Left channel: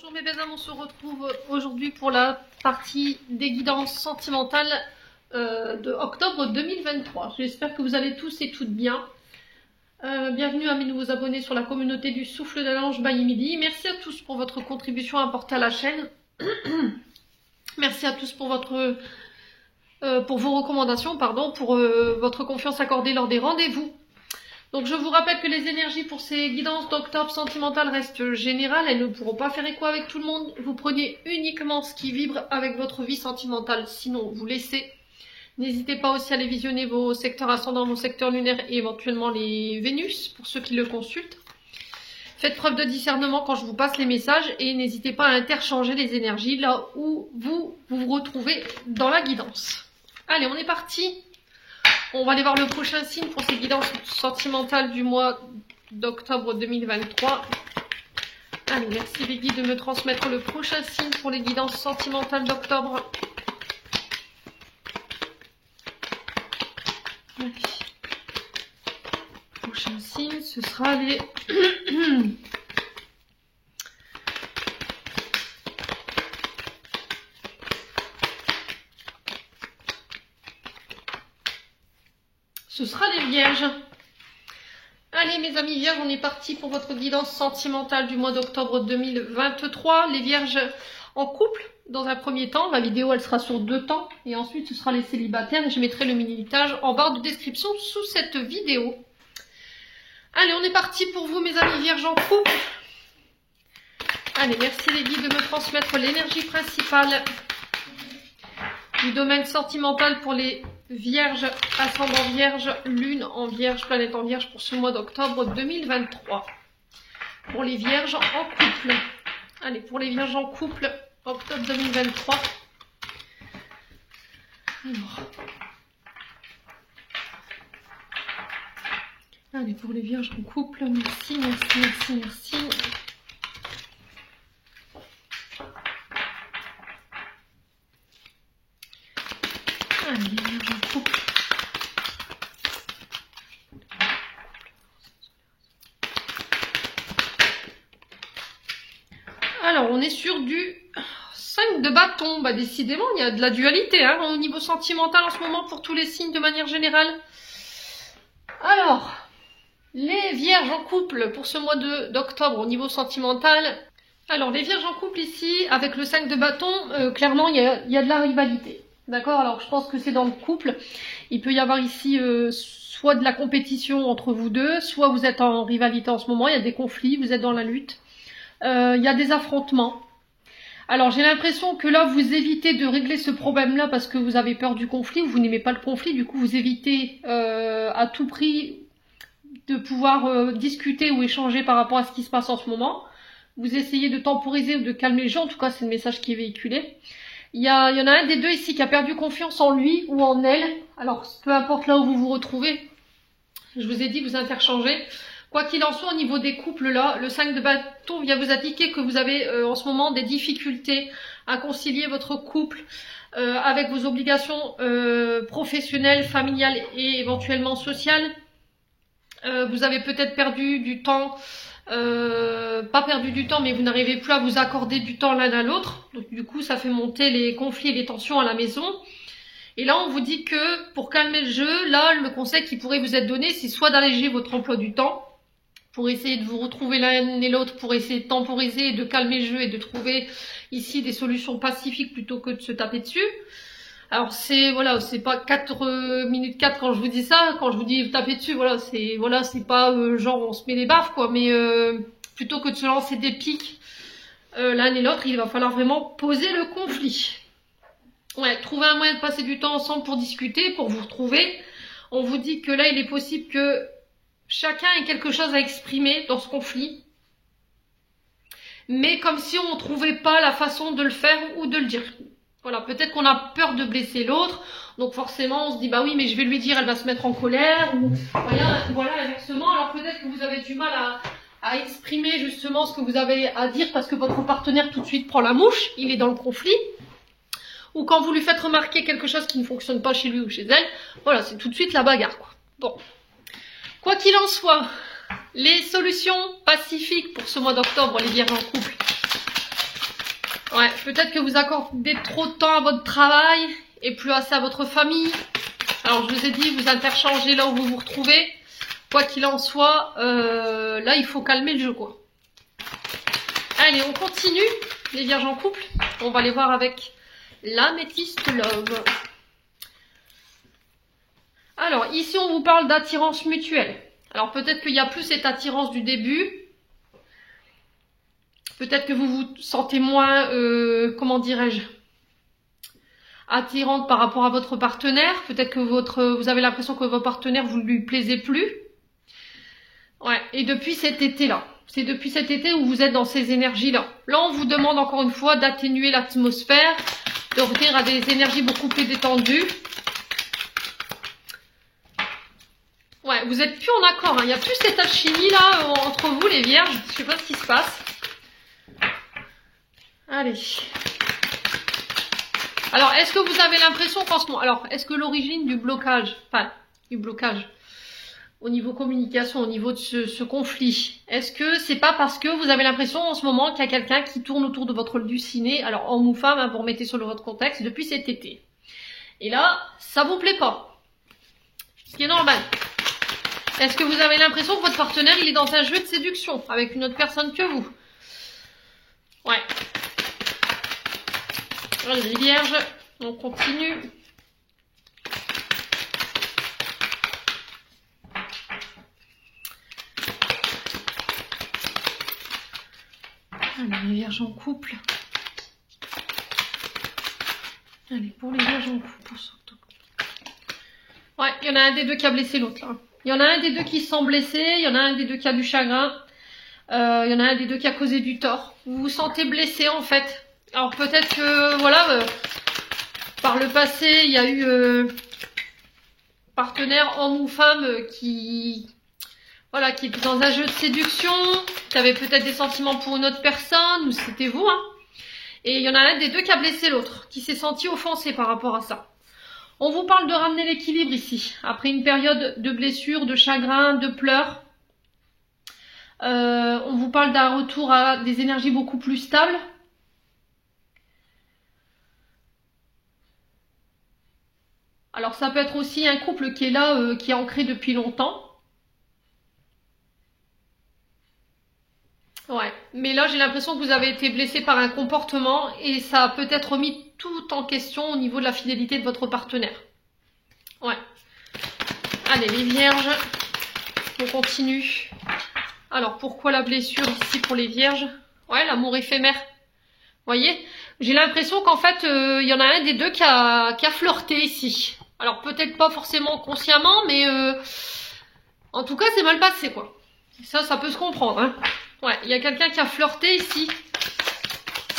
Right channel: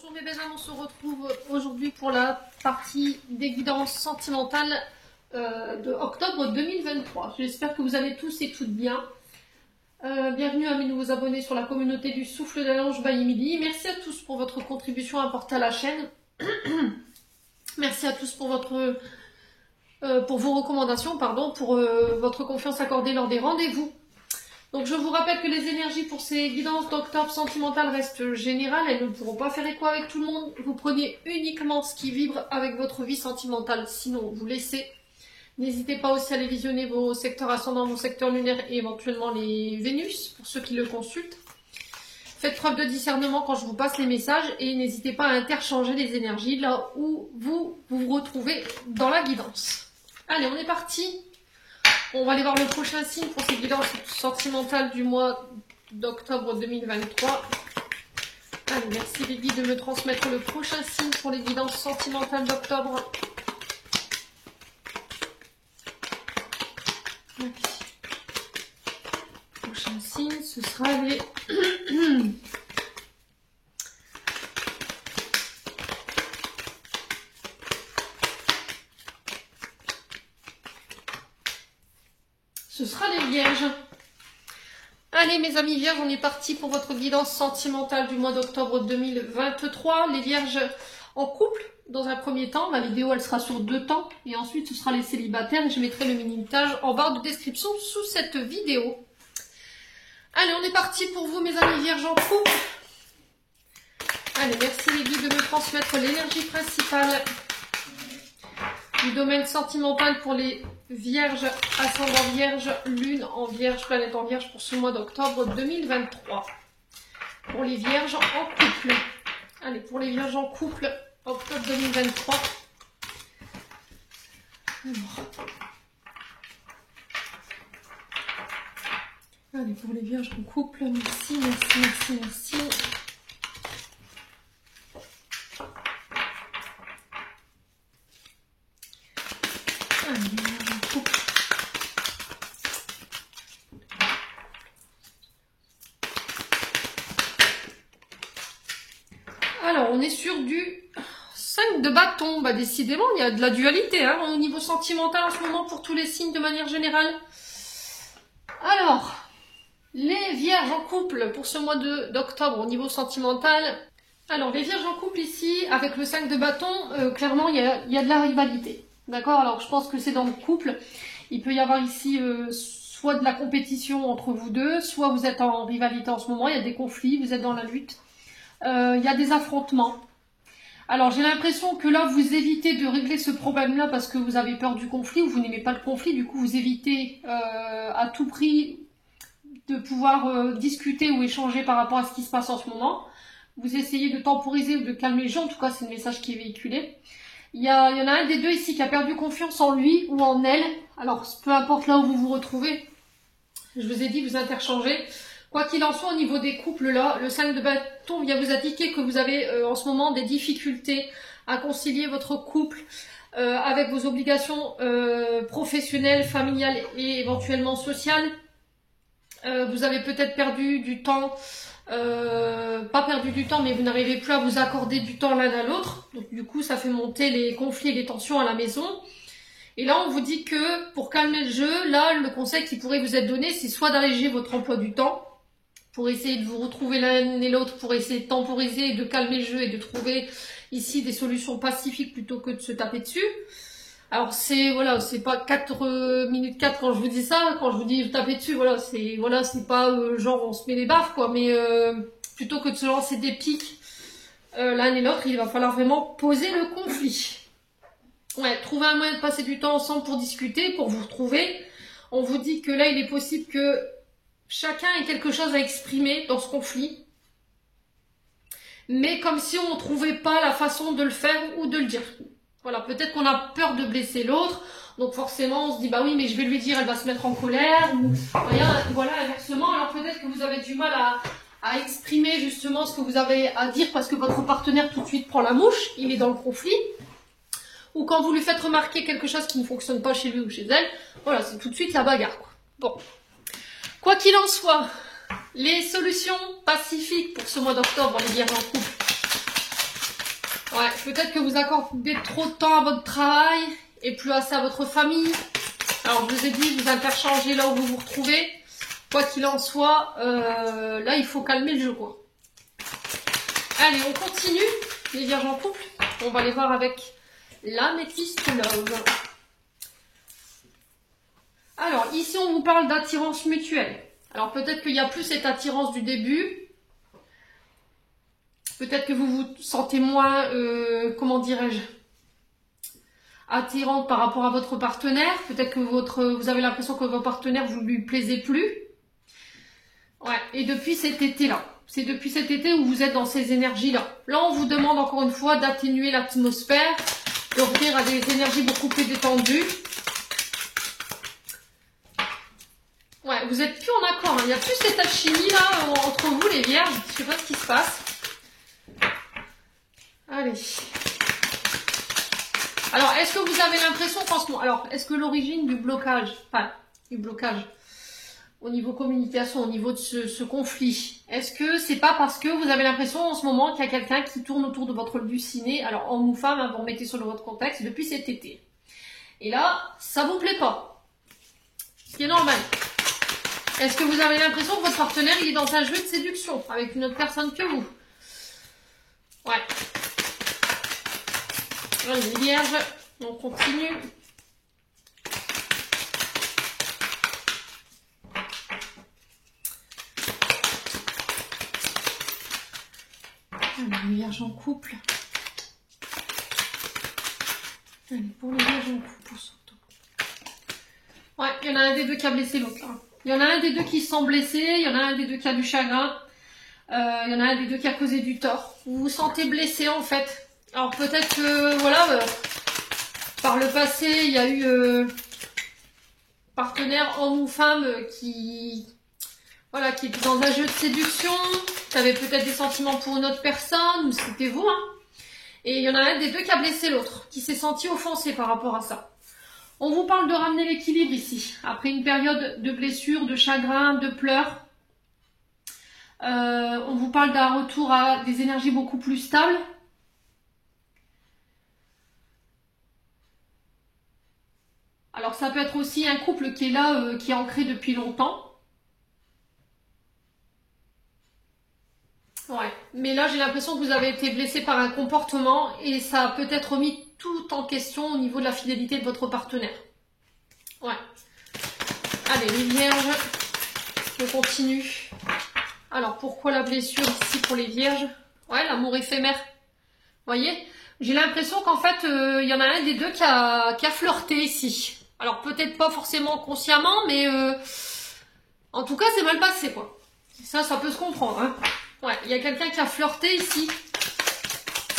Bonjour mes belles âmes, on se retrouve aujourd'hui pour la partie des guidances sentimentales de octobre 2023. J'espère que vous allez tous et toutes bien. Bienvenue à mes nouveaux abonnés sur la communauté du Souffle de l'Ange by Emily. Merci à tous pour votre contribution apportée à la chaîne. Merci à tous pour vos recommandations, pour votre confiance accordée lors des rendez-vous. Donc je vous rappelle que les énergies pour ces guidances d'octobre sentimentales restent générales, elles ne pourront pas faire écho avec tout le monde. Vous prenez uniquement ce qui vibre avec votre vie sentimentale, sinon vous laissez. N'hésitez pas aussi à aller visionner vos secteurs ascendants, vos secteurs lunaires et éventuellement les Vénus, pour ceux qui le consultent. Faites preuve de discernement quand je vous passe les messages et n'hésitez pas à interchanger les énergies là où vous vous retrouvez dans la guidance. Allez, on est parti. On va aller voir le prochain signe pour ces guidances sentimentales du mois d'octobre 2023. Allez, merci les guides de me transmettre le prochain signe pour les guidances sentimentales d'octobre. Prochain signe, ce sera les... Ce sera les Vierges. Allez mes amis Vierges, on est parti pour votre guidance sentimentale du mois d'octobre 2023. Les Vierges en couple, dans un premier temps. La vidéo elle sera sur 2 temps. Et ensuite ce sera les célibataires. Et je mettrai le minutage en barre de description sous cette vidéo. Allez, on est parti pour vous mes amis Vierges en couple. Allez, merci les guides de me transmettre l'énergie principale du domaine sentimental pour les Vierges, ascendant Vierge, Lune en Vierge, planète en Vierge pour ce mois d'octobre 2023. Pour les Vierges en couple. Allez, pour les Vierges en couple, octobre 2023. Alors. Allez, pour les Vierges en couple, merci, merci, merci, merci. Alors, on est sur du 5 de bâton. Bah, décidément, il y a de la dualité hein, au niveau sentimental en ce moment pour tous les signes de manière générale. Alors, les Vierges en couple pour ce mois d'octobre au niveau sentimental. Alors, les Vierges en couple ici, avec le 5 de bâton, clairement, il y a de la rivalité. D'accord? Alors, je pense que c'est dans le couple. Il peut y avoir ici soit de la compétition entre vous deux, soit vous êtes en rivalité en ce moment, il y a des conflits, vous êtes dans la lutte. Il y a des affrontements. Alors, j'ai l'impression que là, vous évitez de régler ce problème-là parce que vous avez peur du conflit, ou vous n'aimez pas le conflit, du coup, vous évitez à tout prix de pouvoir discuter ou échanger par rapport à ce qui se passe en ce moment. Vous essayez de temporiser ou de calmer les gens, en tout cas, c'est le message qui est véhiculé. Il y en a un des deux ici qui a perdu confiance en lui ou en elle. Alors, peu importe là où vous vous retrouvez, je vous ai dit, vous interchangez. Quoi qu'il en soit, au niveau des couples, là, le 5 de bâton vient vous indiquer que vous avez en ce moment des difficultés à concilier votre couple avec vos obligations professionnelles, familiales et éventuellement sociales. Vous avez peut-être perdu du temps, pas perdu du temps, mais vous n'arrivez plus à vous accorder du temps l'un à l'autre. Donc du coup, ça fait monter les conflits et les tensions à la maison. Et là, on vous dit que pour calmer le jeu, là, le conseil qui pourrait vous être donné, c'est soit d'alléger votre emploi du temps, pour essayer de vous retrouver l'un et l'autre, pour essayer de temporiser, de calmer le jeu et de trouver ici des solutions pacifiques plutôt que de se taper dessus. Alors c'est voilà, c'est pas 4 minutes 4 quand je vous dis ça, quand je vous dis taper dessus, voilà, c'est pas genre on se met des baffes quoi, mais plutôt que de se lancer des pics l'un et l'autre, il va falloir vraiment poser le conflit. Ouais, trouver un moyen de passer du temps ensemble pour discuter, pour vous retrouver. On vous dit que là il est possible que chacun ait quelque chose à exprimer dans ce conflit, mais comme si on ne trouvait pas la façon de le faire ou de le dire. Voilà, peut-être qu'on a peur de blesser l'autre, donc forcément on se dit bah oui mais je vais lui dire, elle va se mettre en colère, ou voilà inversement, alors peut-être que vous avez du mal à exprimer justement ce que vous avez à dire parce que votre partenaire tout de suite prend la mouche, il est dans le conflit, ou quand vous lui faites remarquer quelque chose qui ne fonctionne pas chez lui ou chez elle, voilà, c'est tout de suite la bagarre quoi. Bon, quoi qu'il en soit, les solutions pacifiques pour ce mois d'octobre, les Vierges en couple. Ouais, peut-être que vous accordez trop de temps à votre travail et plus assez à votre famille. Alors, je vous ai dit, vous interchangez là où vous vous retrouvez. Quoi qu'il en soit, là, il faut calmer le jeu, quoi. Allez, on continue. Les vierges en couple. On va les voir avec l'améthyste love. Alors, ici, on vous parle d'attirance mutuelle. Alors, peut-être qu'il n'y a plus cette attirance du début. Peut-être que vous vous sentez moins, comment dirais-je, attirante par rapport à votre partenaire. Peut-être que vous avez l'impression que votre partenaire, vous ne lui plaisez plus. Ouais, et depuis cet été-là. C'est depuis cet été où vous êtes dans ces énergies-là. Là, on vous demande encore une fois d'atténuer l'atmosphère, de revenir à des énergies beaucoup plus détendues. Ouais, vous êtes plus en accord. Hein. Il n'y a plus cette alchimie là entre vous, les vierges. Je sais pas ce qui se passe. Allez. Alors, est-ce que vous avez l'impression qu'en ce moment... Alors, est-ce que l'origine du blocage, enfin, du blocage, au niveau communication, au niveau de ce conflit, est-ce que c'est pas parce que vous avez l'impression en ce moment qu'il y a quelqu'un qui tourne autour de votre halluciné, alors homme ou femme, hein, vous remettez sur votre contexte, depuis cet été. Et là, ça vous plaît pas. Ce qui est normal. Est-ce que vous avez l'impression que votre partenaire, il est dans un jeu de séduction avec une autre personne que vous? Ouais. Allez, les vierges, on continue. Allez, les vierges en couple. Allez, pour les vierges en couple, surtout. Ouais, il y en a un des deux qui a blessé l'autre. Il y en a un des deux qui se sent blessé, il y en a un des deux qui a du chagrin. Il y en a un des deux qui a causé du tort. Vous vous sentez blessé en fait. Alors peut-être que, voilà, par le passé, il y a eu partenaire homme ou femme qui était dans un jeu de séduction, qui avait peut-être des sentiments pour une autre personne, ou c'était vous, hein. Et il y en a un des deux qui a blessé l'autre, qui s'est senti offensé par rapport à ça. On vous parle de ramener l'équilibre ici, après une période de blessure, de chagrin, de pleurs. On vous parle d'un retour à des énergies beaucoup plus stables. Alors ça peut être aussi un couple qui est là, qui est ancré depuis longtemps. Ouais, mais là j'ai l'impression que vous avez été blessé par un comportement et ça a peut-être remis tout en question au niveau de la fidélité de votre partenaire. Ouais. Allez, les vierges, on continue. Alors, pourquoi la blessure ici pour les vierges? Ouais, l'amour éphémère. Vous voyez? J'ai l'impression qu'en fait, il y en a un des deux qui a flirté ici. Alors, peut-être pas forcément consciemment, mais en tout cas, c'est mal passé, quoi. Ça peut se comprendre, hein. Ouais, il y a quelqu'un qui a flirté ici.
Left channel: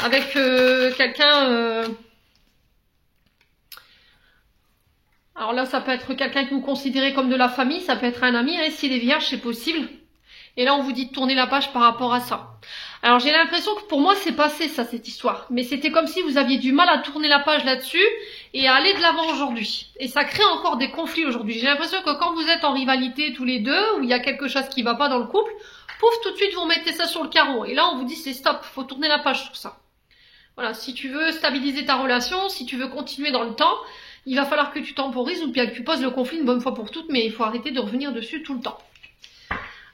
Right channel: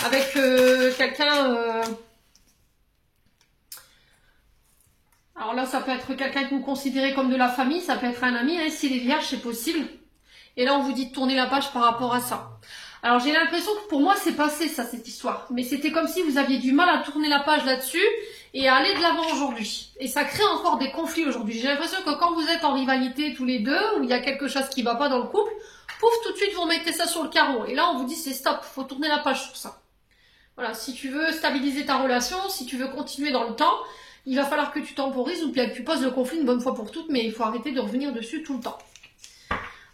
Avec quelqu'un... Alors là, ça peut être quelqu'un que vous considérez comme de la famille, ça peut être un ami, hein, si les vierges, c'est possible. Et là, on vous dit de tourner la page par rapport à ça. Alors, j'ai l'impression que pour moi, c'est passé, ça, cette histoire. Mais c'était comme si vous aviez du mal à tourner la page là-dessus et à aller de l'avant aujourd'hui. Et ça crée encore des conflits aujourd'hui. J'ai l'impression que quand vous êtes en rivalité tous les deux, où il y a quelque chose qui ne va pas dans le couple, pouf, tout de suite, vous mettez ça sur le carreau. Et là, on vous dit, c'est stop, faut tourner la page sur ça. Voilà, si tu veux stabiliser ta relation, si tu veux continuer dans le temps, il va falloir que tu temporises ou bien que tu poses le conflit une bonne fois pour toutes, mais il faut arrêter de revenir dessus tout le temps.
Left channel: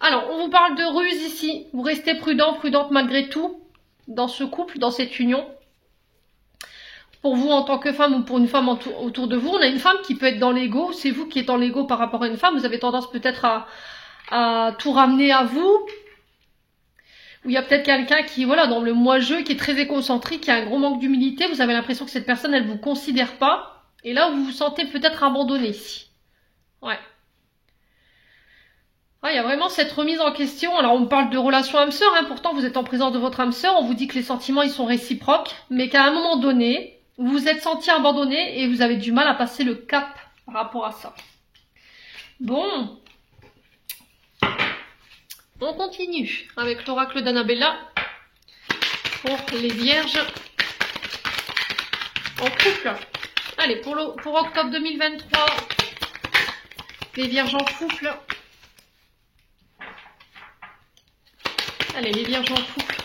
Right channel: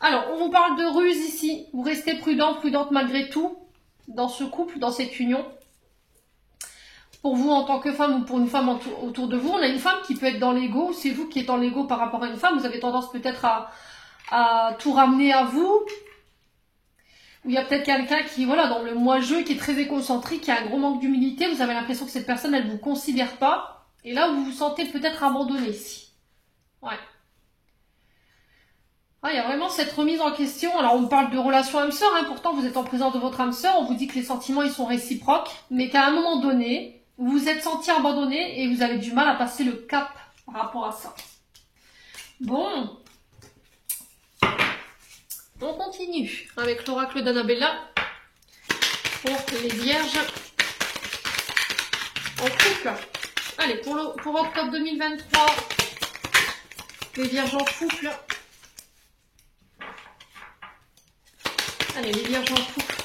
Alors, on vous parle de ruse ici. Vous restez prudent, prudente malgré tout dans ce couple, dans cette union. Pour vous en tant que femme ou pour une femme autour de vous, on a une femme qui peut être dans l'ego. C'est vous qui êtes dans l'ego par rapport à une femme. Vous avez tendance peut-être à tout ramener à vous. Ou il y a peut-être quelqu'un qui, voilà, dans le moi-je, qui est très égocentrique, qui a un gros manque d'humilité. Vous avez l'impression que cette personne, elle ne vous considère pas. Et là, vous vous sentez peut-être abandonné ici. Ouais. Il y a vraiment cette remise en question. Alors, on me parle de relation âme-sœur, hein. Pourtant, vous êtes en présence de votre âme-sœur. On vous dit que les sentiments, ils sont réciproques. Mais qu'à un moment donné, vous vous êtes senti abandonné et vous avez du mal à passer le cap par rapport à ça. Bon. On continue avec l'oracle d'Annabella pour les vierges en couple. Allez, pour octobre 2023, les vierges en couple. Allez, les vierges en couple.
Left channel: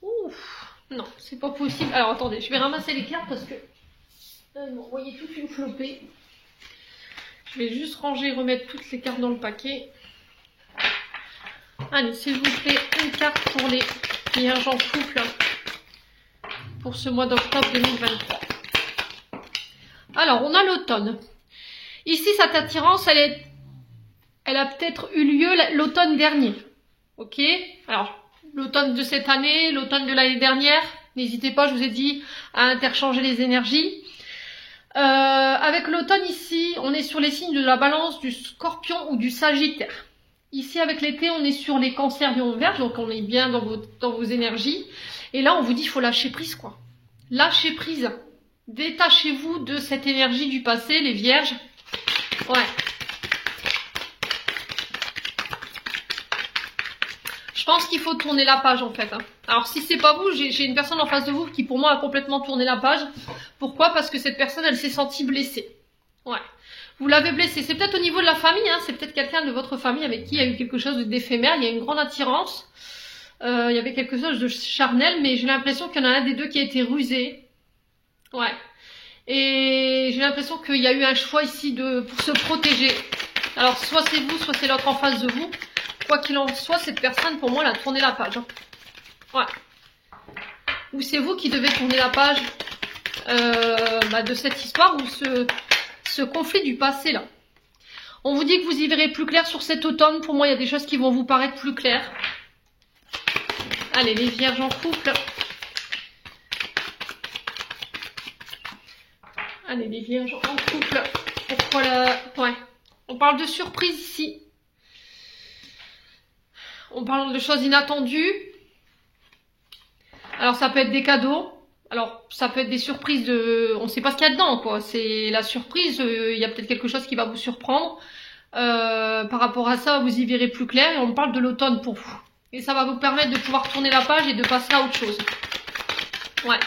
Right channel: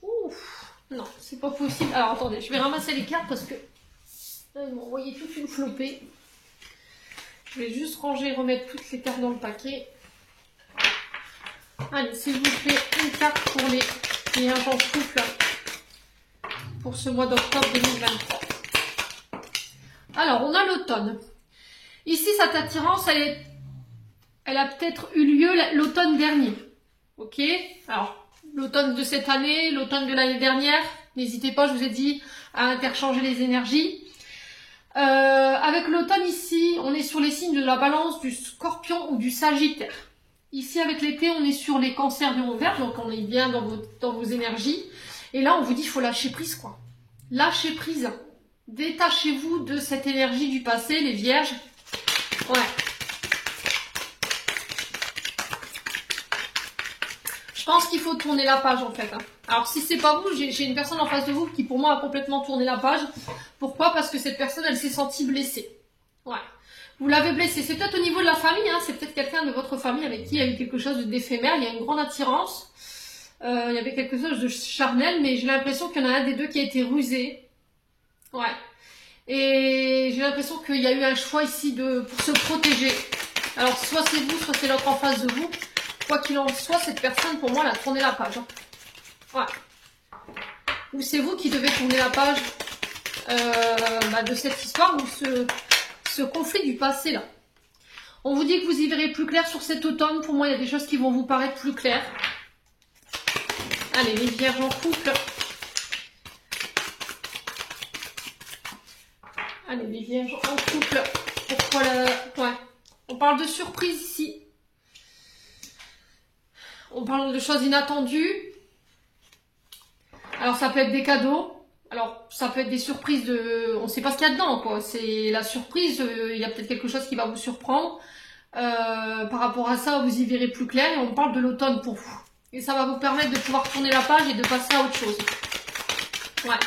Ouf. Non, c'est pas possible. Alors attendez, je vais ramasser les cartes parce que vous m'envoyez toute une flopée. Je vais juste ranger et remettre toutes les cartes dans le paquet. Allez, s'il vous plaît, une carte pour les vierges en couple pour ce mois d'octobre 2023. Alors, on a l'automne. Ici, cette attirance, elle a peut-être eu lieu l'automne dernier. Ok? Alors, l'automne de cette année, l'automne de l'année dernière. N'hésitez pas, je vous ai dit, à interchanger les énergies. Avec l'automne ici, on est sur les signes de la balance, du scorpion ou du sagittaire. Ici, avec l'été, on est sur les cancers du Vierge, donc on est bien dans vos énergies. Et là, on vous dit qu'il faut lâcher prise, quoi. Lâchez prise. Détachez-vous de cette énergie du passé, les vierges. Ouais. Je pense qu'il faut tourner la page, en fait. Alors, si c'est pas vous, j'ai une personne en face de vous qui, pour moi, a complètement tourné la page. Pourquoi? Parce que cette personne, elle s'est sentie blessée. Ouais. Vous l'avez blessée. C'est peut-être au niveau de la famille, hein. C'est peut-être quelqu'un de votre famille avec qui il y a eu quelque chose d'éphémère. Il y a une grande attirance. Il y avait quelque chose de charnel, mais j'ai l'impression qu'il y en a un des deux qui a été rusé. Ouais. Et j'ai l'impression qu'il y a eu un choix ici pour se protéger. Alors, soit c'est vous, soit c'est l'autre en face de vous. Quoi qu'il en soit, cette personne, pour moi, elle a tourné la page. Ouais. Ou c'est vous qui devez tourner la page de cette histoire ou ce conflit du passé, là. On vous dit que vous y verrez plus clair sur cet automne. Pour moi, il y a des choses qui vont vous paraître plus claires. Allez, les vierges en couple. Allez, les vierges en couple. Pourquoi ouais. On parle de surprise ici. On parle de choses inattendues. Alors, ça peut être des cadeaux. Alors, ça peut être des surprises on ne sait pas ce qu'il y a dedans, quoi. C'est la surprise. Il y a peut-être quelque chose qui va vous surprendre. Par rapport à ça, vous y verrez plus clair. Et on parle de l'automne pour vous. Et ça va vous permettre de pouvoir tourner la page et de passer à autre chose. Ouais.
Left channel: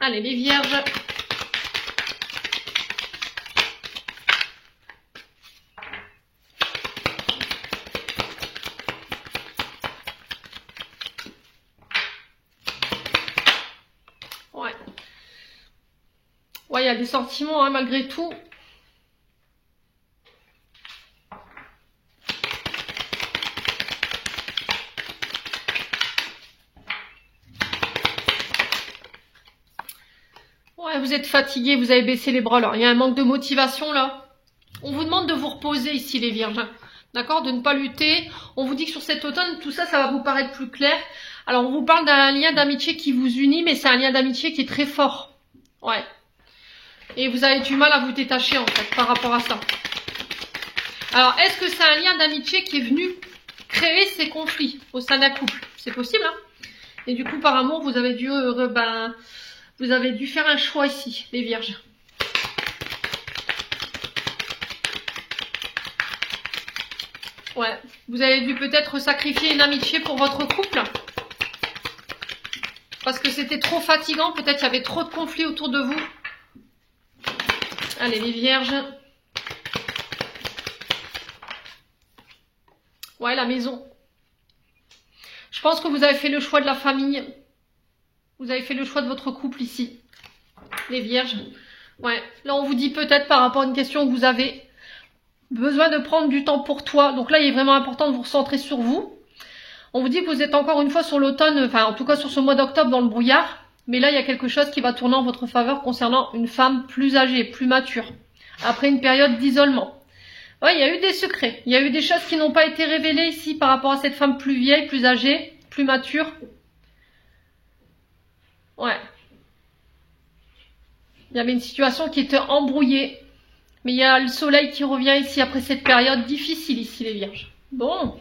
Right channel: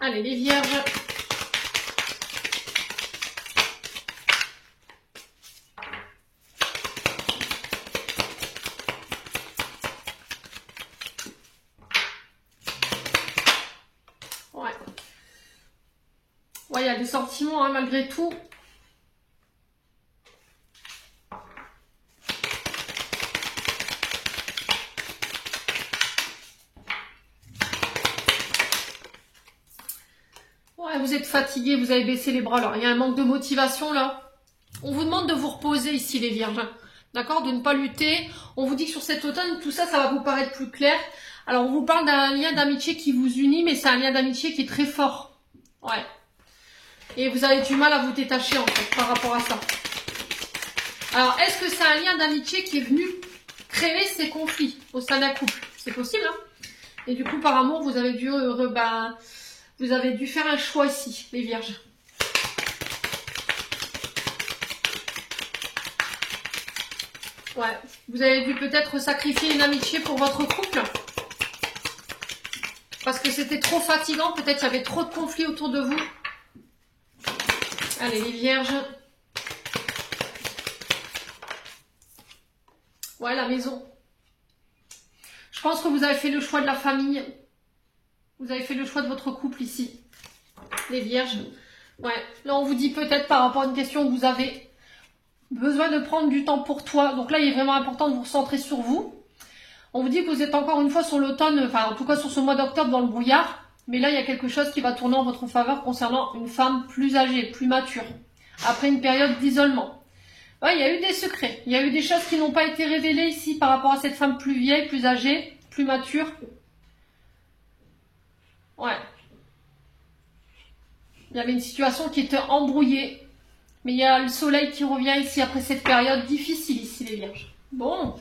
Allez, les vierges. Ouais. Ouais, il y a des sentiments, hein, malgré tout. Vous êtes fatigué, vous avez baissé les bras là. Il y a un manque de motivation là. On vous demande de vous reposer ici les vierges. D'accord? De ne pas lutter. On vous dit que sur cet automne, tout ça, ça va vous paraître plus clair. Alors on vous parle d'un lien d'amitié qui vous unit, mais c'est un lien d'amitié qui est très fort. Ouais. Et vous avez du mal à vous détacher en fait par rapport à ça. Alors est-ce que c'est un lien d'amitié qui est venu créer ces conflits au sein d'un couple? C'est possible, hein? Et du coup par amour, vous avez dû vous avez dû faire un choix ici, les vierges. Ouais, vous avez dû peut-être sacrifier une amitié pour votre couple. Parce que c'était trop fatigant, peut-être il y avait trop de conflits autour de vous. Allez, les vierges. Ouais, la maison. Je pense que vous avez fait le choix de la famille. Vous avez fait le choix de votre couple ici. Les vierges. Ouais. Là, on vous dit peut-être par rapport à une question que vous avez besoin de prendre du temps pour toi. Donc là, il est vraiment important de vous recentrer sur vous. On vous dit que vous êtes encore une fois sur l'automne, enfin en tout cas sur ce mois d'octobre dans le brouillard. Mais là, il y a quelque chose qui va tourner en votre faveur concernant une femme plus âgée, plus mature. Après une période d'isolement. Ouais, il y a eu des secrets. Il y a eu des choses qui n'ont pas été révélées ici par rapport à cette femme plus vieille, plus âgée, plus mature. Ouais. Il y avait une situation qui était embrouillée. Mais il y a le soleil qui revient ici après cette période difficile ici les vierges. Bon.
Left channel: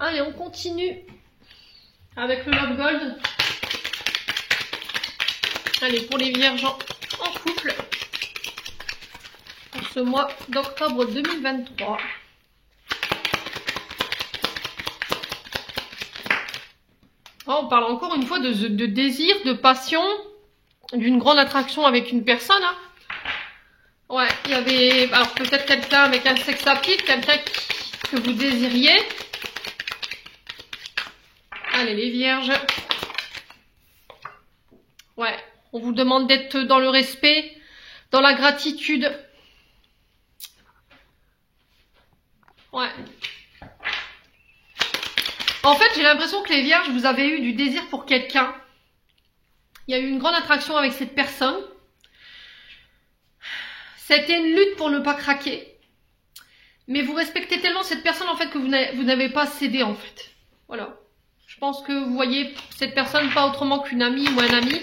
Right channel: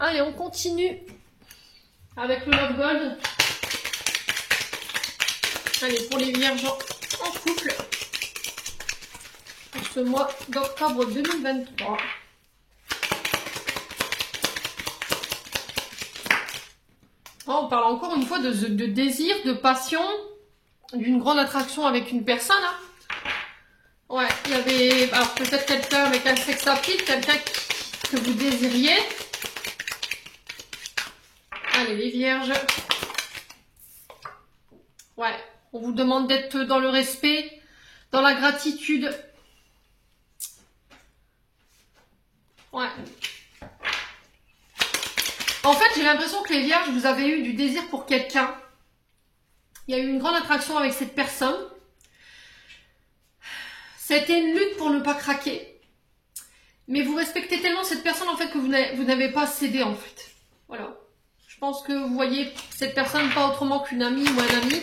Allez, on continue avec le Love Gold. Allez, pour les vierges en couple. Pour ce mois d'octobre 2023. On parle encore une fois de désir, de passion, d'une grande attraction avec une personne. Hein. Ouais, il y avait alors peut-être quelqu'un avec un sex appeal, quelqu'un que vous désiriez. Allez, les vierges. Ouais, on vous demande d'être dans le respect, dans la gratitude. Ouais. En fait, j'ai l'impression que les vierges, vous avez eu du désir pour quelqu'un. Il y a eu une grande attraction avec cette personne. C'était une lutte pour ne pas craquer. Mais vous respectez tellement cette personne, en fait, que vous n'avez pas cédé, en fait. Voilà. Je pense que vous voyez cette personne pas autrement qu'une amie ou un ami.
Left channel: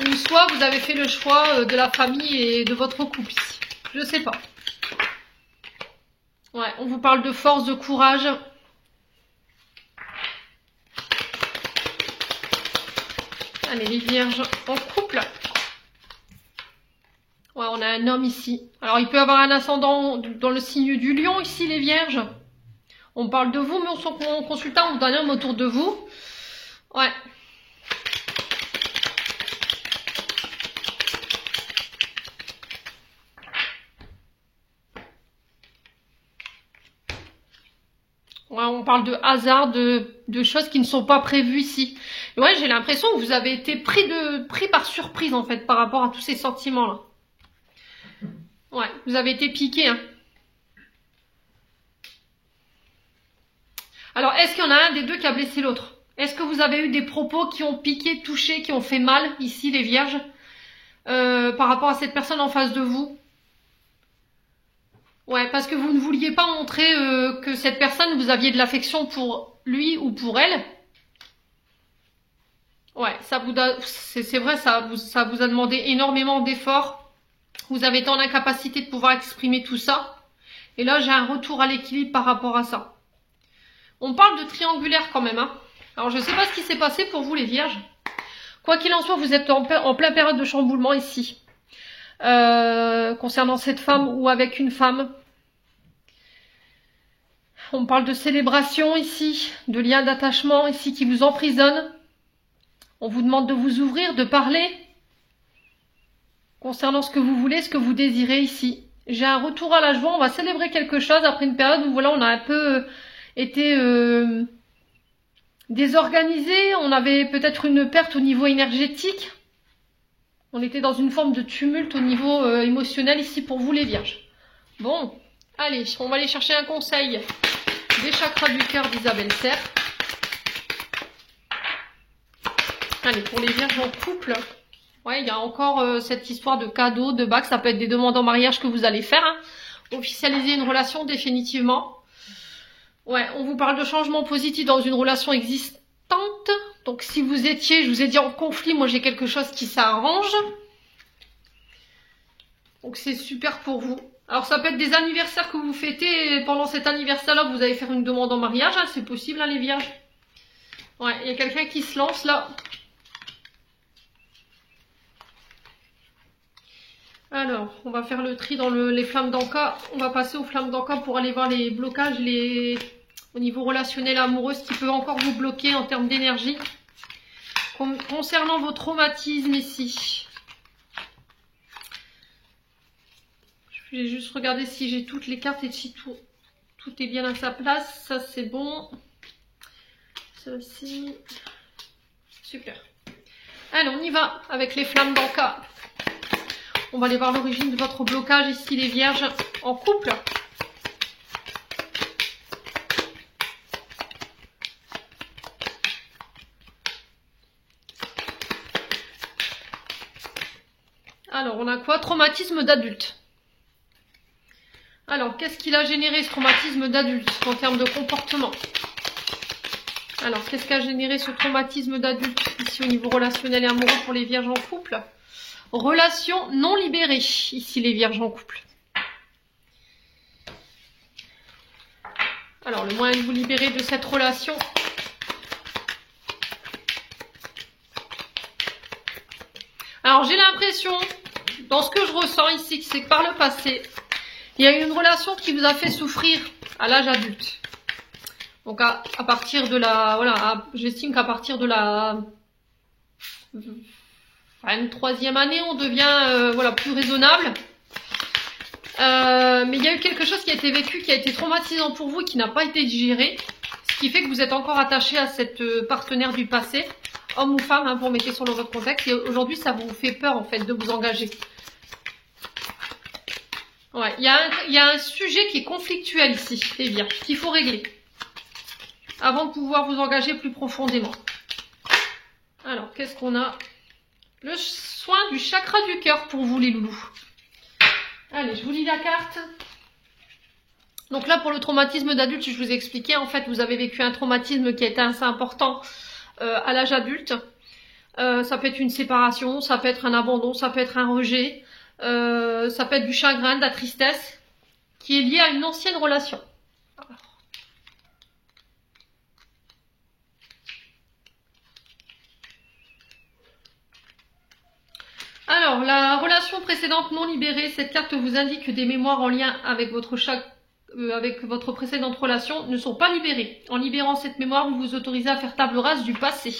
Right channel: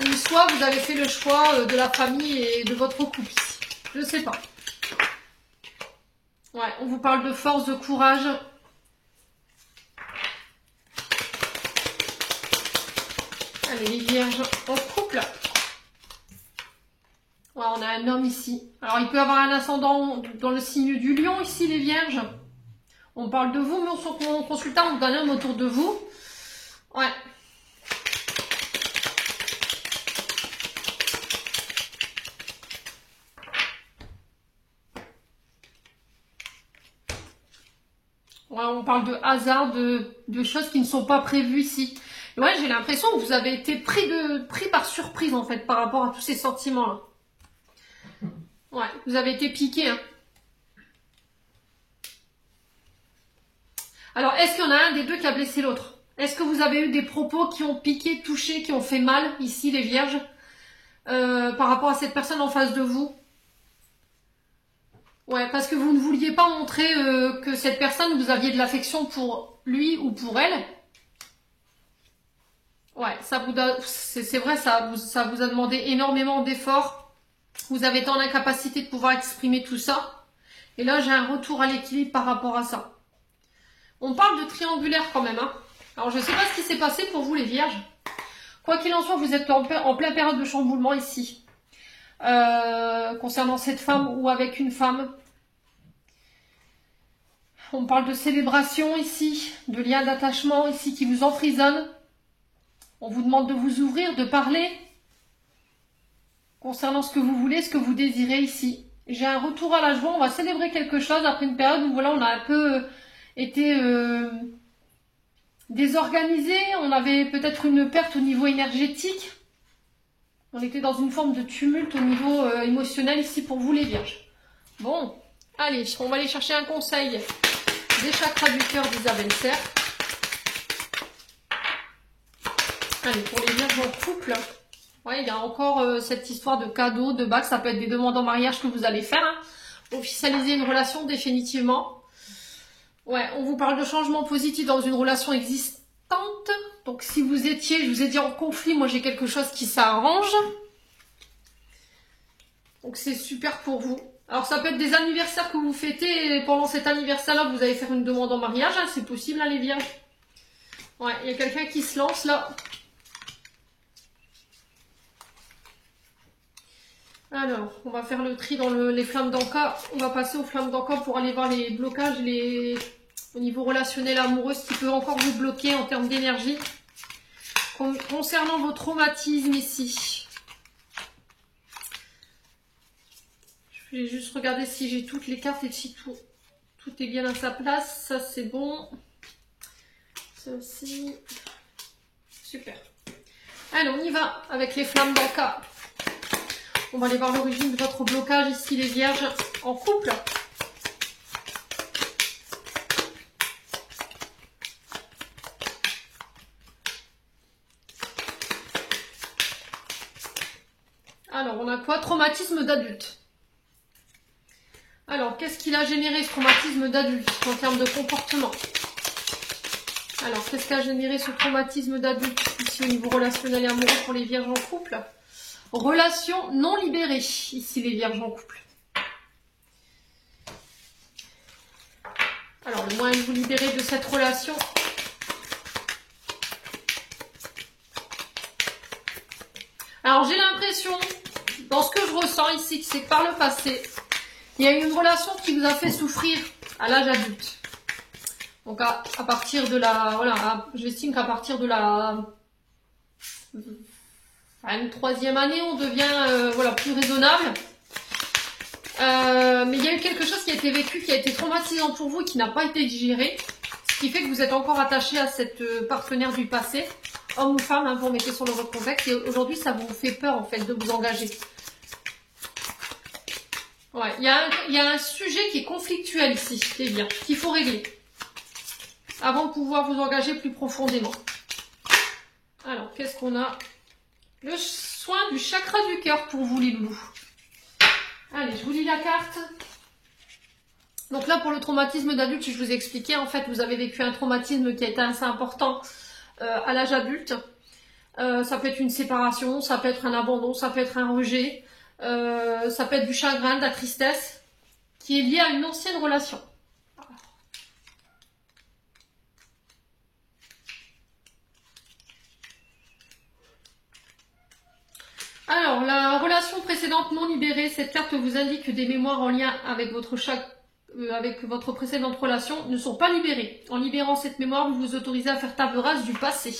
Ou soit vous avez fait le choix de la famille et de votre couple ici. Je sais pas. Ouais, on vous parle de force, de courage. Allez, les vierges en couple. Ouais, on a un homme ici. Alors, il peut avoir un ascendant dans le signe du lion ici, les vierges. On parle de vous, mais on consultant, on vous donne un homme autour de vous. Ouais. Ouais, on parle de hasard, de choses qui ne sont pas prévues ici. Ouais, j'ai l'impression que vous avez été pris par surprise, en fait, par rapport à tous ces sentiments-là. Ouais, vous avez été piqué, hein. Alors, est-ce qu'il y en a un des deux qui a blessé l'autre? Est-ce que vous avez eu des propos qui ont piqué, touché, qui ont fait mal, ici, les vierges, par rapport à cette personne en face de vous? Ouais, parce que vous ne vouliez pas montrer que cette personne, vous aviez de l'affection pour lui ou pour elle. Ouais, c'est vrai, ça vous a demandé énormément d'efforts. Vous avez tant d'incapacité de pouvoir exprimer tout ça. Et là, j'ai un retour à l'équilibre par rapport à ça. On parle de triangulaire quand même, hein. Alors, je ne sais pas ce qui s'est passé pour vous, les vierges. Quoi qu'il en soit, vous êtes en plein période de chamboulement ici. Concernant cette femme ou avec une femme. On parle de célébration ici, de liens d'attachement ici qui vous emprisonnent. On vous demande de vous ouvrir, de parler concernant ce que vous voulez, ce que vous désirez ici. J'ai un retour à la joie, on va célébrer quelque chose après une période où voilà, on a un peu été désorganisé, on avait peut-être une perte au niveau énergétique. On était dans une forme de tumulte au niveau émotionnel ici pour vous les vierges. Bon, allez, on va aller chercher un conseil des chakras du cœur d'Isabelle Serre. Allez, pour les vierges en couple, ouais, il y a encore cette histoire de cadeaux, de bagues, ça peut être des demandes en mariage que vous allez faire, hein. Officialiser une relation définitivement. Ouais, on vous parle de changement positif dans une relation existante. Donc si vous étiez, je vous ai dit en conflit, moi j'ai quelque chose qui s'arrange. Donc c'est super pour vous. Alors ça peut être des anniversaires que vous fêtez et pendant cet anniversaire-là, vous allez faire une demande en mariage, hein, c'est possible, hein, les vierges. Ouais, il y a quelqu'un qui se lance là. Alors, on va faire le tri dans les flammes d'Anka. On va passer aux flammes d'Anka pour aller voir les blocages, au niveau relationnel amoureux, ce qui peut encore vous bloquer en termes d'énergie. Concernant vos traumatismes ici. Je vais juste regarder si j'ai toutes les cartes et si tout est bien à sa place. Ça, c'est bon. Ça aussi. Super. Allez, on y va avec les flammes d'Anka. On va aller voir l'origine de votre blocage ici, les vierges en couple. Alors, on a quoi? Traumatisme d'adulte. Alors, qu'est-ce qu'il a généré ce traumatisme d'adulte en termes de comportement? Alors, qu'est-ce qu'a généré ce traumatisme d'adulte ici au niveau relationnel et amoureux pour les vierges en couple? Relation non libérée, ici les vierges en couple. Alors, le moyen de vous libérer de cette relation. Alors, j'ai l'impression, dans ce que je ressens ici, c'est que par le passé, il y a eu une relation qui vous a fait souffrir à l'âge adulte. Donc, à partir de la... Voilà, j'estime qu'à partir de la... À une 3e année, on devient voilà, plus raisonnable. Mais il y a eu quelque chose qui a été vécu, qui a été traumatisant pour vous et qui n'a pas été digéré. qui fait que vous êtes encore attaché à cette partenaire du passé, homme ou femme, hein, vous mettez sur votre contexte, et aujourd'hui ça vous fait peur en fait de vous engager. Ouais, il y a un sujet qui est conflictuel ici, les vierges, qu'il faut régler avant de pouvoir vous engager plus profondément. Alors, qu'est-ce qu'on a? Le soin du chakra du cœur pour vous les loups. Allez, je vous lis la carte. Donc là, pour le traumatisme d'adulte, je vous ai expliqué, en fait, vous avez vécu un traumatisme qui a été assez important à l'âge adulte. Ça peut être une séparation, ça peut être un abandon, ça peut être un rejet, ça peut être du chagrin, de la tristesse, qui est lié à une ancienne relation. Alors, la relation précédente non libérée, cette carte vous indique que des mémoires en lien avec votre précédente relation ne sont pas libérées. En libérant cette mémoire, vous vous autorisez à faire table rase du passé.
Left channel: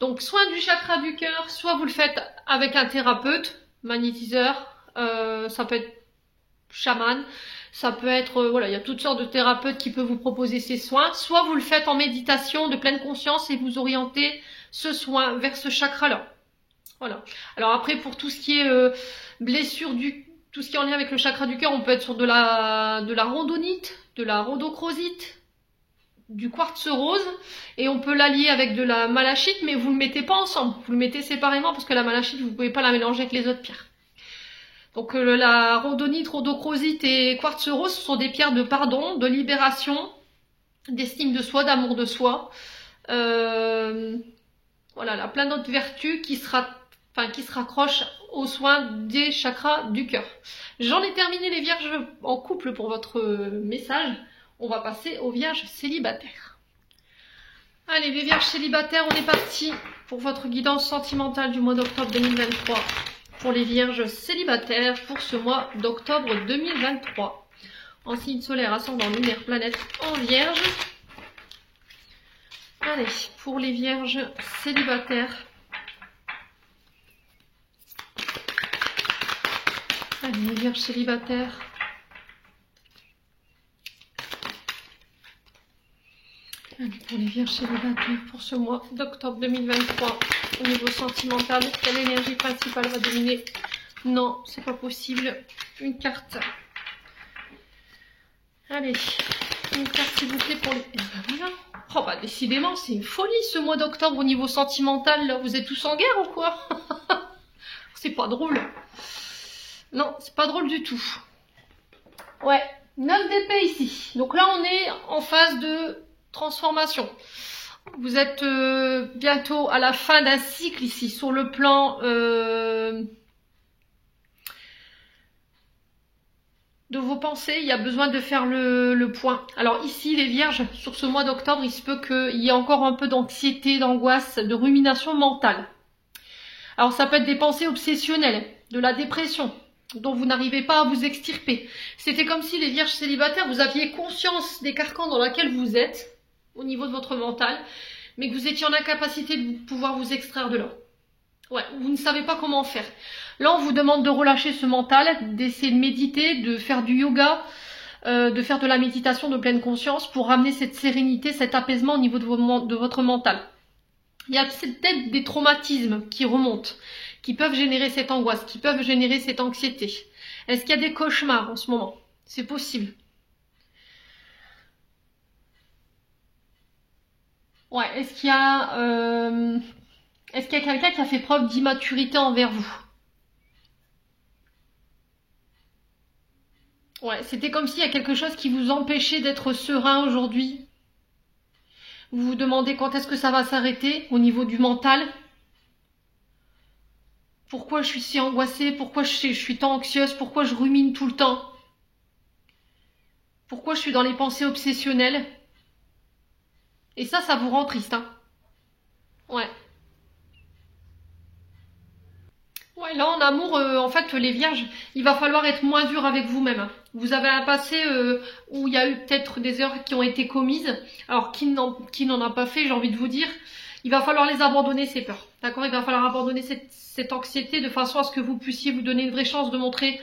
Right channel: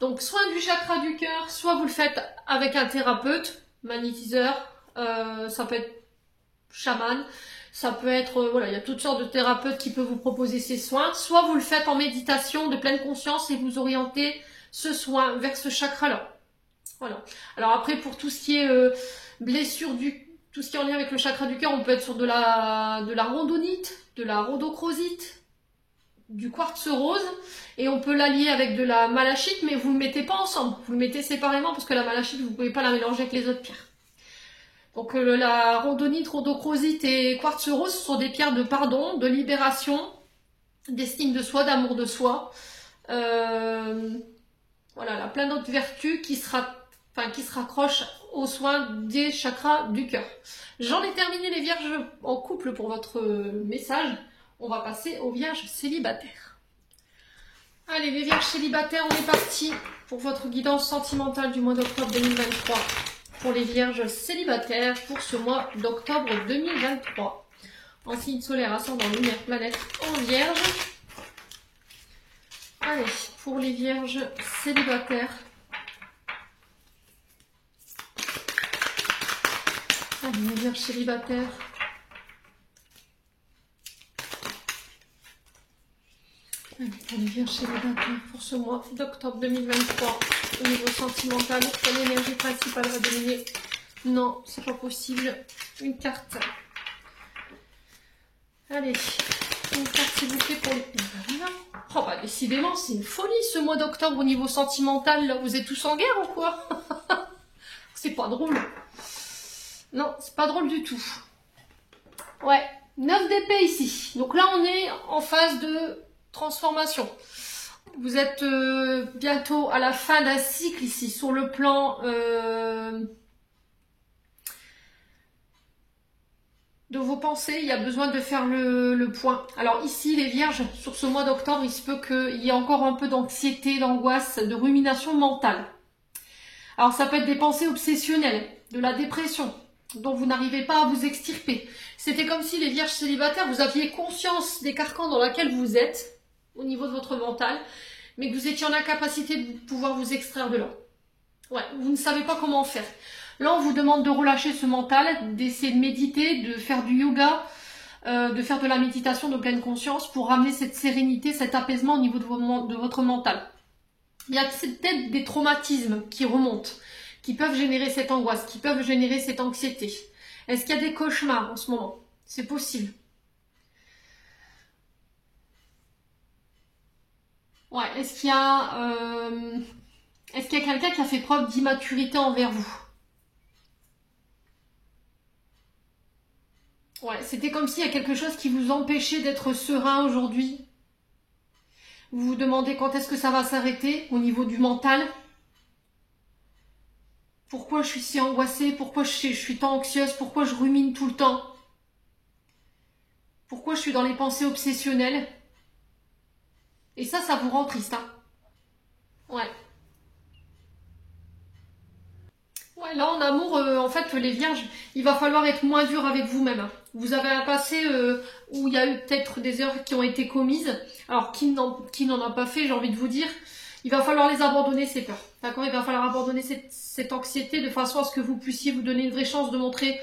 Donc, soin du chakra du cœur, soit vous le faites avec un thérapeute, magnétiseur, ça peut être chaman, ça peut être, voilà, il y a toutes sortes de thérapeutes qui peuvent vous proposer ces soins, soit vous le faites en méditation de pleine conscience et vous orientez ce soin vers ce chakra-là. Voilà. Alors après, pour tout ce qui est blessure tout ce qui est en lien avec le chakra du cœur, on peut être sur de la rhodonite, de la rhodochrosite, du quartz rose, et on peut l'allier avec de la malachite, mais vous ne le mettez pas ensemble, vous le mettez séparément parce que la malachite, vous ne pouvez pas la mélanger avec les autres pierres. Donc la rhodonite, rhodochrosite et quartz rose, ce sont des pierres de pardon, de libération, d'estime de soi, d'amour de soi. Voilà, là, plein d'autres vertus qui se raccrochent aux soins des chakras du cœur. J'en ai terminé les vierges en couple pour votre message. On va passer aux vierges célibataires. Allez, les vierges célibataires, on est parti pour votre guidance sentimentale du mois d'octobre 2023. Pour les vierges célibataires, pour ce mois d'octobre 2023. En signe solaire, ascendant, lumière, planète en vierge. Allez, pour les vierges célibataires. Allez, les vierges célibataires. Allez, pour les vierges célibataires, pour ce mois d'octobre 2023, au niveau sentimental, quelle énergie principale va dominer? Non, c'est pas possible. Une carte. Allez, une carte s'il vous plaît pour les... Oh bah décidément, c'est une folie ce mois d'octobre au niveau sentimental, là. Vous êtes tous en guerre ou quoi? C'est pas drôle. Non, c'est pas drôle du tout. Ouais, 9 d'épée ici. Donc là, on est en phase de transformation. Vous êtes bientôt à la fin d'un cycle ici, sur le plan de vos pensées. Il y a besoin de faire le point. Alors ici, les vierges, sur ce mois d'octobre, il se peut qu'il y ait encore un peu d'anxiété, d'angoisse, de rumination mentale. Alors ça peut être des pensées obsessionnelles, de la dépression, dont vous n'arrivez pas à vous extirper. C'était comme si les vierges célibataires, vous aviez conscience des carcans dans lesquels vous êtes, au niveau de votre mental, mais que vous étiez en incapacité de pouvoir vous extraire de là. Ouais, vous ne savez pas comment faire. Là, on vous demande de relâcher ce mental, d'essayer de méditer, de faire du yoga, de faire de la méditation de pleine conscience pour ramener cette sérénité, cet apaisement au niveau de votre mental. Il y a peut-être des traumatismes qui remontent, qui peuvent générer cette angoisse, qui peuvent générer cette anxiété. Est-ce qu'il y a des cauchemars en ce moment? C'est possible. Ouais, est-ce qu'il y a quelqu'un qui a fait preuve d'immaturité envers vous? Ouais, c'était comme s'il y a quelque chose qui vous empêchait d'être serein aujourd'hui. Vous vous demandez quand est-ce que ça va s'arrêter au niveau du mental. Pourquoi je suis si angoissée? Pourquoi je suis tant anxieuse? Pourquoi je rumine tout le temps? Pourquoi je suis dans les pensées obsessionnelles? Et ça vous rend triste, hein? Ouais. Ouais, là en amour, en fait, les vierges, il va falloir être moins dur avec vous-même. Vous avez un passé où il y a eu peut-être des erreurs qui ont été commises. Alors, qui n'en a pas fait, j'ai envie de vous dire, il va falloir les abandonner, ces peurs. D'accord? Il va falloir abandonner cette anxiété de façon à ce que vous puissiez vous donner une vraie chance de montrer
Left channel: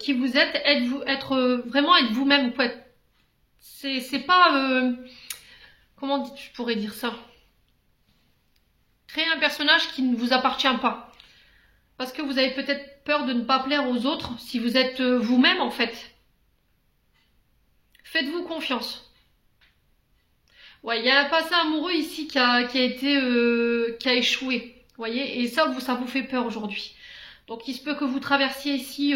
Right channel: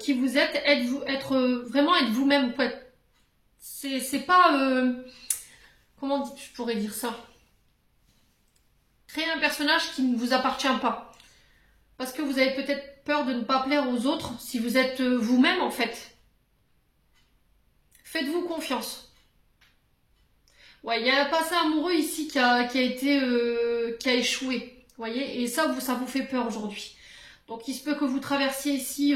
qui vous êtes, vraiment être vous-même. C'est pas... comment je pourrais dire ça? Créer un personnage qui ne vous appartient pas. Parce que vous avez peut-être peur de ne pas plaire aux autres si vous êtes vous-même en fait. Faites-vous confiance. Ouais, il y a un passé amoureux ici qui a échoué. Vous voyez, et ça vous fait peur aujourd'hui. Donc il se peut que vous traversiez ici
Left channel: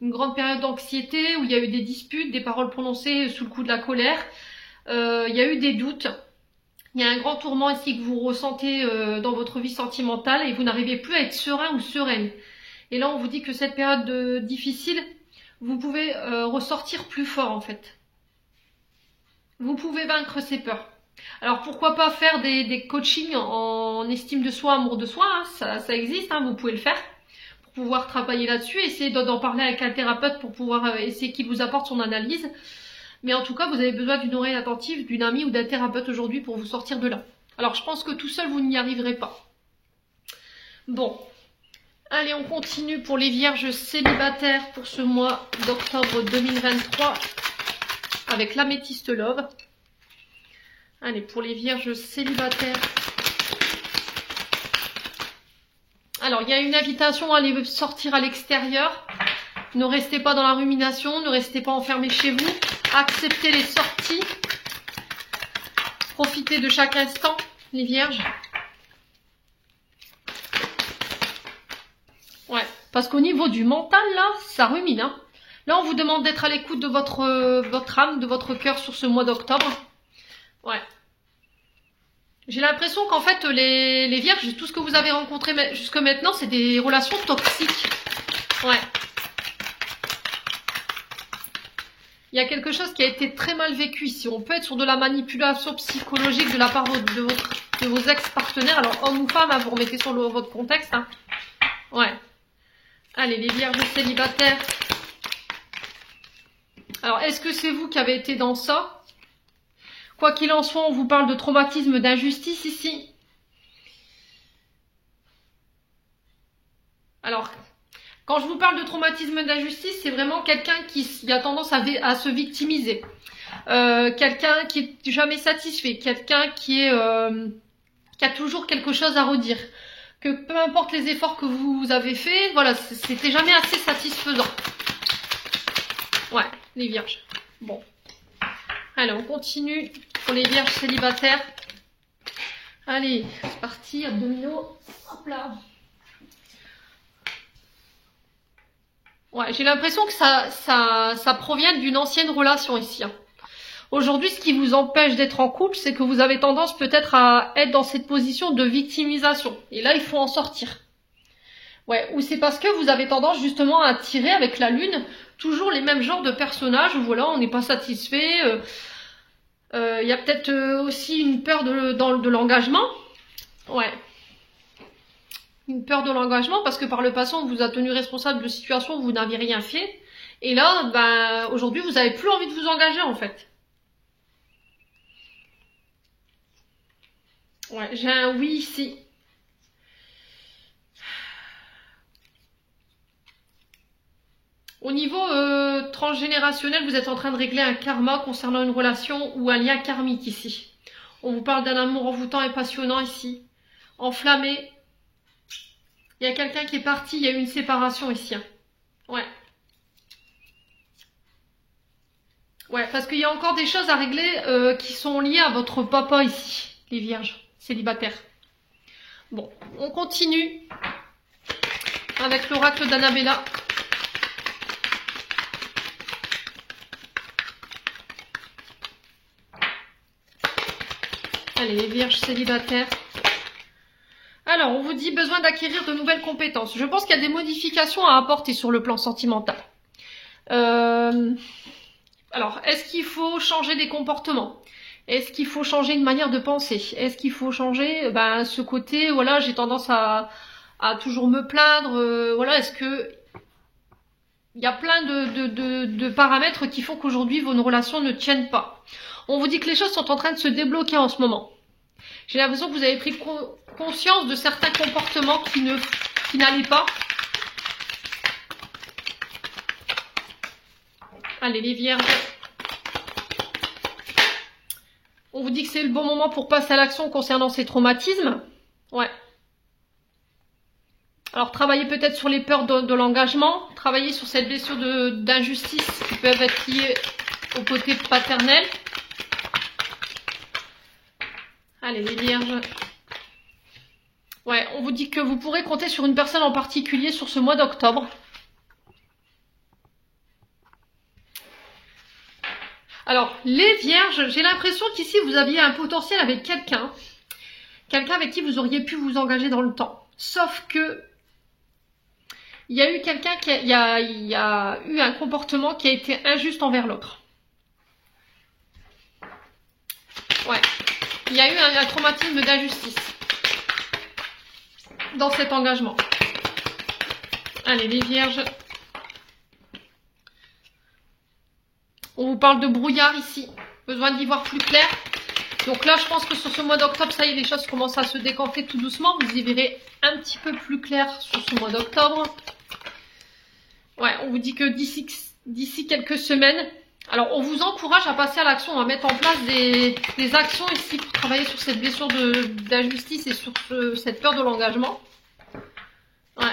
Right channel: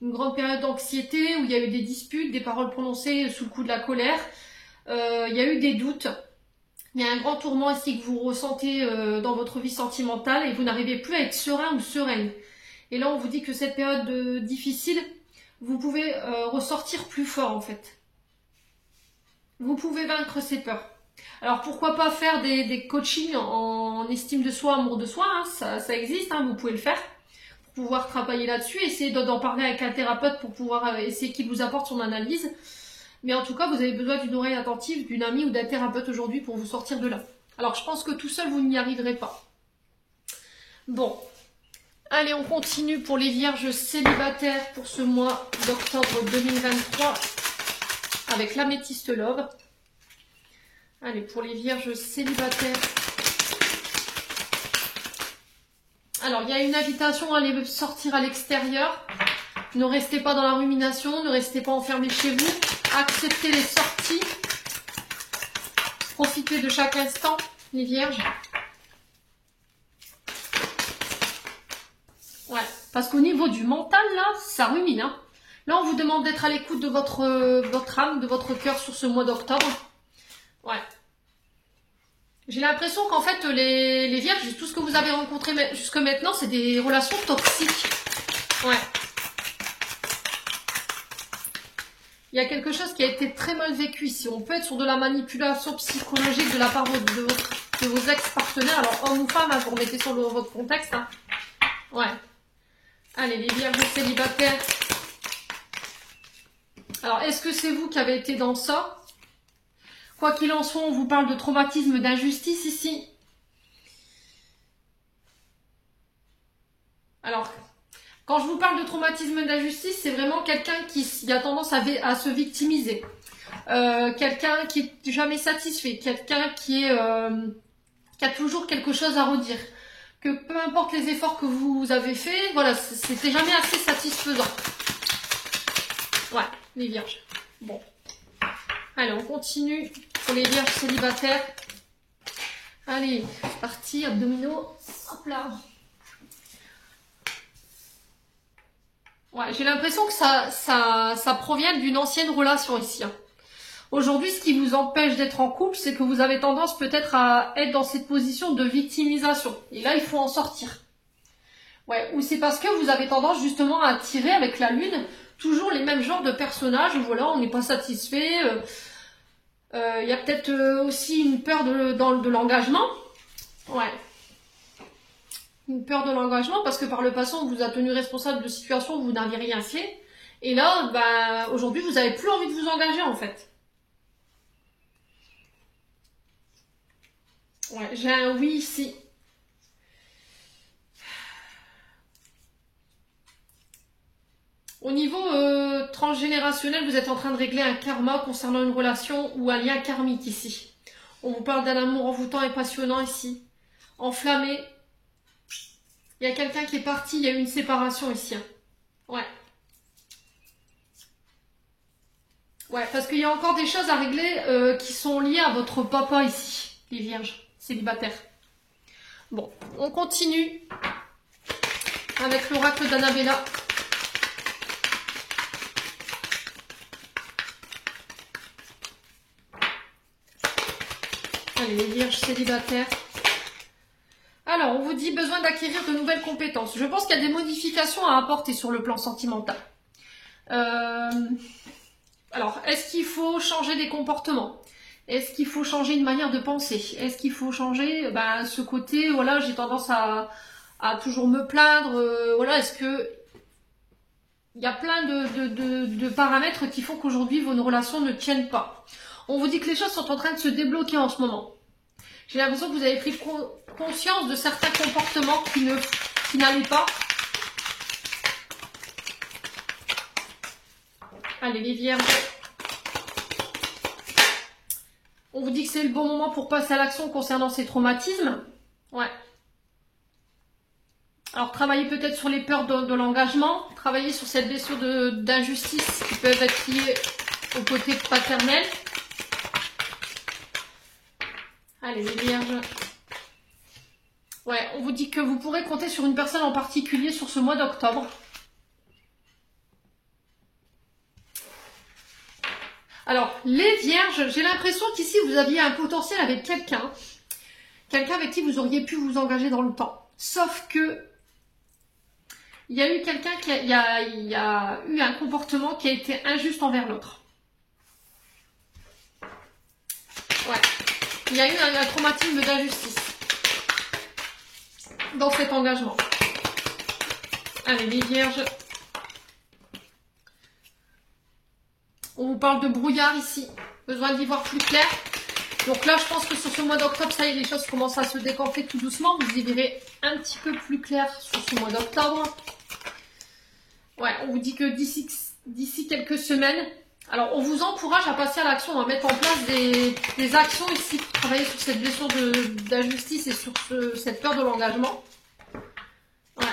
une grande période d'anxiété où il y a eu des disputes, des paroles prononcées sous le coup de la colère. Il y a eu des doutes. Il y a un grand tourment ici que vous ressentez dans votre vie sentimentale et vous n'arrivez plus à être serein ou sereine. Et là, on vous dit que cette période difficile, vous pouvez ressortir plus fort en fait. Vous pouvez vaincre ces peurs. Alors pourquoi pas faire des coachings en estime de soi, amour de soi, hein, ça existe, hein, vous pouvez le faire. Pour pouvoir travailler là-dessus, essayer d'en parler avec un thérapeute pour pouvoir essayer qu'il vous apporte son analyse. Mais en tout cas, vous avez besoin d'une oreille attentive, d'une amie ou d'un thérapeute aujourd'hui pour vous sortir de là. Alors, je pense que tout seul, vous n'y arriverez pas. Bon. Allez, on continue pour les vierges célibataires pour ce mois d'octobre 2023 avec l'améthyste love. Allez, pour les vierges célibataires. Alors, il y a une invitation à aller sortir à l'extérieur. Ne restez pas dans la rumination, ne restez pas enfermés chez vous. Acceptez les sorties. Profitez de chaque instant, les vierges. Ouais, parce qu'au niveau du mental, là, ça rumine. Hein. Là, on vous demande d'être à l'écoute de votre âme, de votre cœur sur ce mois d'octobre. Ouais. J'ai l'impression qu'en fait, les vierges, tout ce que vous avez rencontré jusque maintenant, c'est des relations toxiques. Ouais. Il y a quelque chose qui a été très mal vécu ici. On peut être sur de la manipulation psychologique de la part de vos ex-partenaires. Alors, homme ou femme, hein, vous remettez sur votre contexte. Hein. Ouais. Allez, les vierges célibataires. Alors, est-ce que c'est vous qui avez été dans ça? Quoi qu'il en soit, on vous parle de traumatisme, d'injustice ici. Alors, quand je vous parle de traumatisme d'injustice, c'est vraiment quelqu'un qui a tendance à se victimiser. Quelqu'un qui est jamais satisfait. Quelqu'un qui a toujours quelque chose à redire. Que peu importe les efforts que vous avez faits, voilà, c'était jamais assez satisfaisant. Ouais, les vierges. Bon. Allez, on continue pour les vierges célibataires. Allez, c'est parti, abdominaux. Hop là. Ouais, j'ai l'impression que ça provient d'une ancienne relation ici. Hein. Aujourd'hui, ce qui vous empêche d'être en couple, c'est que vous avez tendance peut-être à être dans cette position de victimisation. Et là, il faut en sortir. Ouais, ou c'est parce que vous avez tendance justement à attirer avec la lune toujours les mêmes genres de personnages. Voilà, on n'est pas satisfait. Il y a peut-être aussi une peur de l'engagement. Ouais. Une peur de l'engagement parce que par le passé, on vous a tenu responsable de situations où vous n'aviez rien fait. Et là, ben, aujourd'hui, vous n'avez plus envie de vous engager en fait. Ouais, j'ai un oui ici. Au niveau transgénérationnel, vous êtes en train de régler un karma concernant une relation ou un lien karmique ici. On vous parle d'un amour envoûtant et passionnant ici. Enflammé. Il y a quelqu'un qui est parti, il y a eu une séparation ici. Ouais. Ouais, parce qu'il y a encore des choses à régler qui sont liées à votre papa ici, les vierges célibataires. Bon, on continue avec l'oracle d'Annabella. Allez, les vierges célibataires. Alors, on vous dit besoin d'acquérir de nouvelles compétences. Je pense qu'il y a des modifications à apporter sur le plan sentimental. Alors, est-ce qu'il faut changer des comportements? Est-ce qu'il faut changer une manière de penser? Est-ce qu'il faut changer ce côté, voilà, j'ai tendance à toujours me plaindre, voilà, est-ce que... Il y a plein de paramètres qui font qu'aujourd'hui, vos relations ne tiennent pas. On vous dit que les choses sont en train de se débloquer en ce moment. J'ai l'impression que vous avez pris conscience de certains comportements qui n'allaient pas. Allez, les vierges. On vous dit que c'est le bon moment pour passer à l'action concernant ces traumatismes. Ouais. Alors, travaillez peut-être sur les peurs de l'engagement. Travaillez sur cette blessure d'injustice qui peuvent être liées au côté paternel. Allez, les vierges. Ouais, on vous dit que vous pourrez compter sur une personne en particulier sur ce mois d'octobre. Alors, les vierges, j'ai l'impression qu'ici, vous aviez un potentiel avec quelqu'un. Quelqu'un avec qui vous auriez pu vous engager dans le temps. Sauf que, il y a eu quelqu'un qui il y a eu un comportement qui a été injuste envers l'autre. Ouais. Il y a eu un traumatisme d'injustice dans cet engagement. Allez, les vierges. On vous parle de brouillard ici. Besoin d'y voir plus clair. Donc là, je pense que sur ce mois d'octobre, ça y est, les choses commencent à se décanter tout doucement. Vous y verrez un petit peu plus clair sur ce mois d'octobre. Ouais, on vous dit que d'ici quelques semaines, alors on vous encourage à passer à l'action. On va mettre en place des actions ici pour travailler sur cette blessure d'injustice et sur cette peur de l'engagement. Ouais.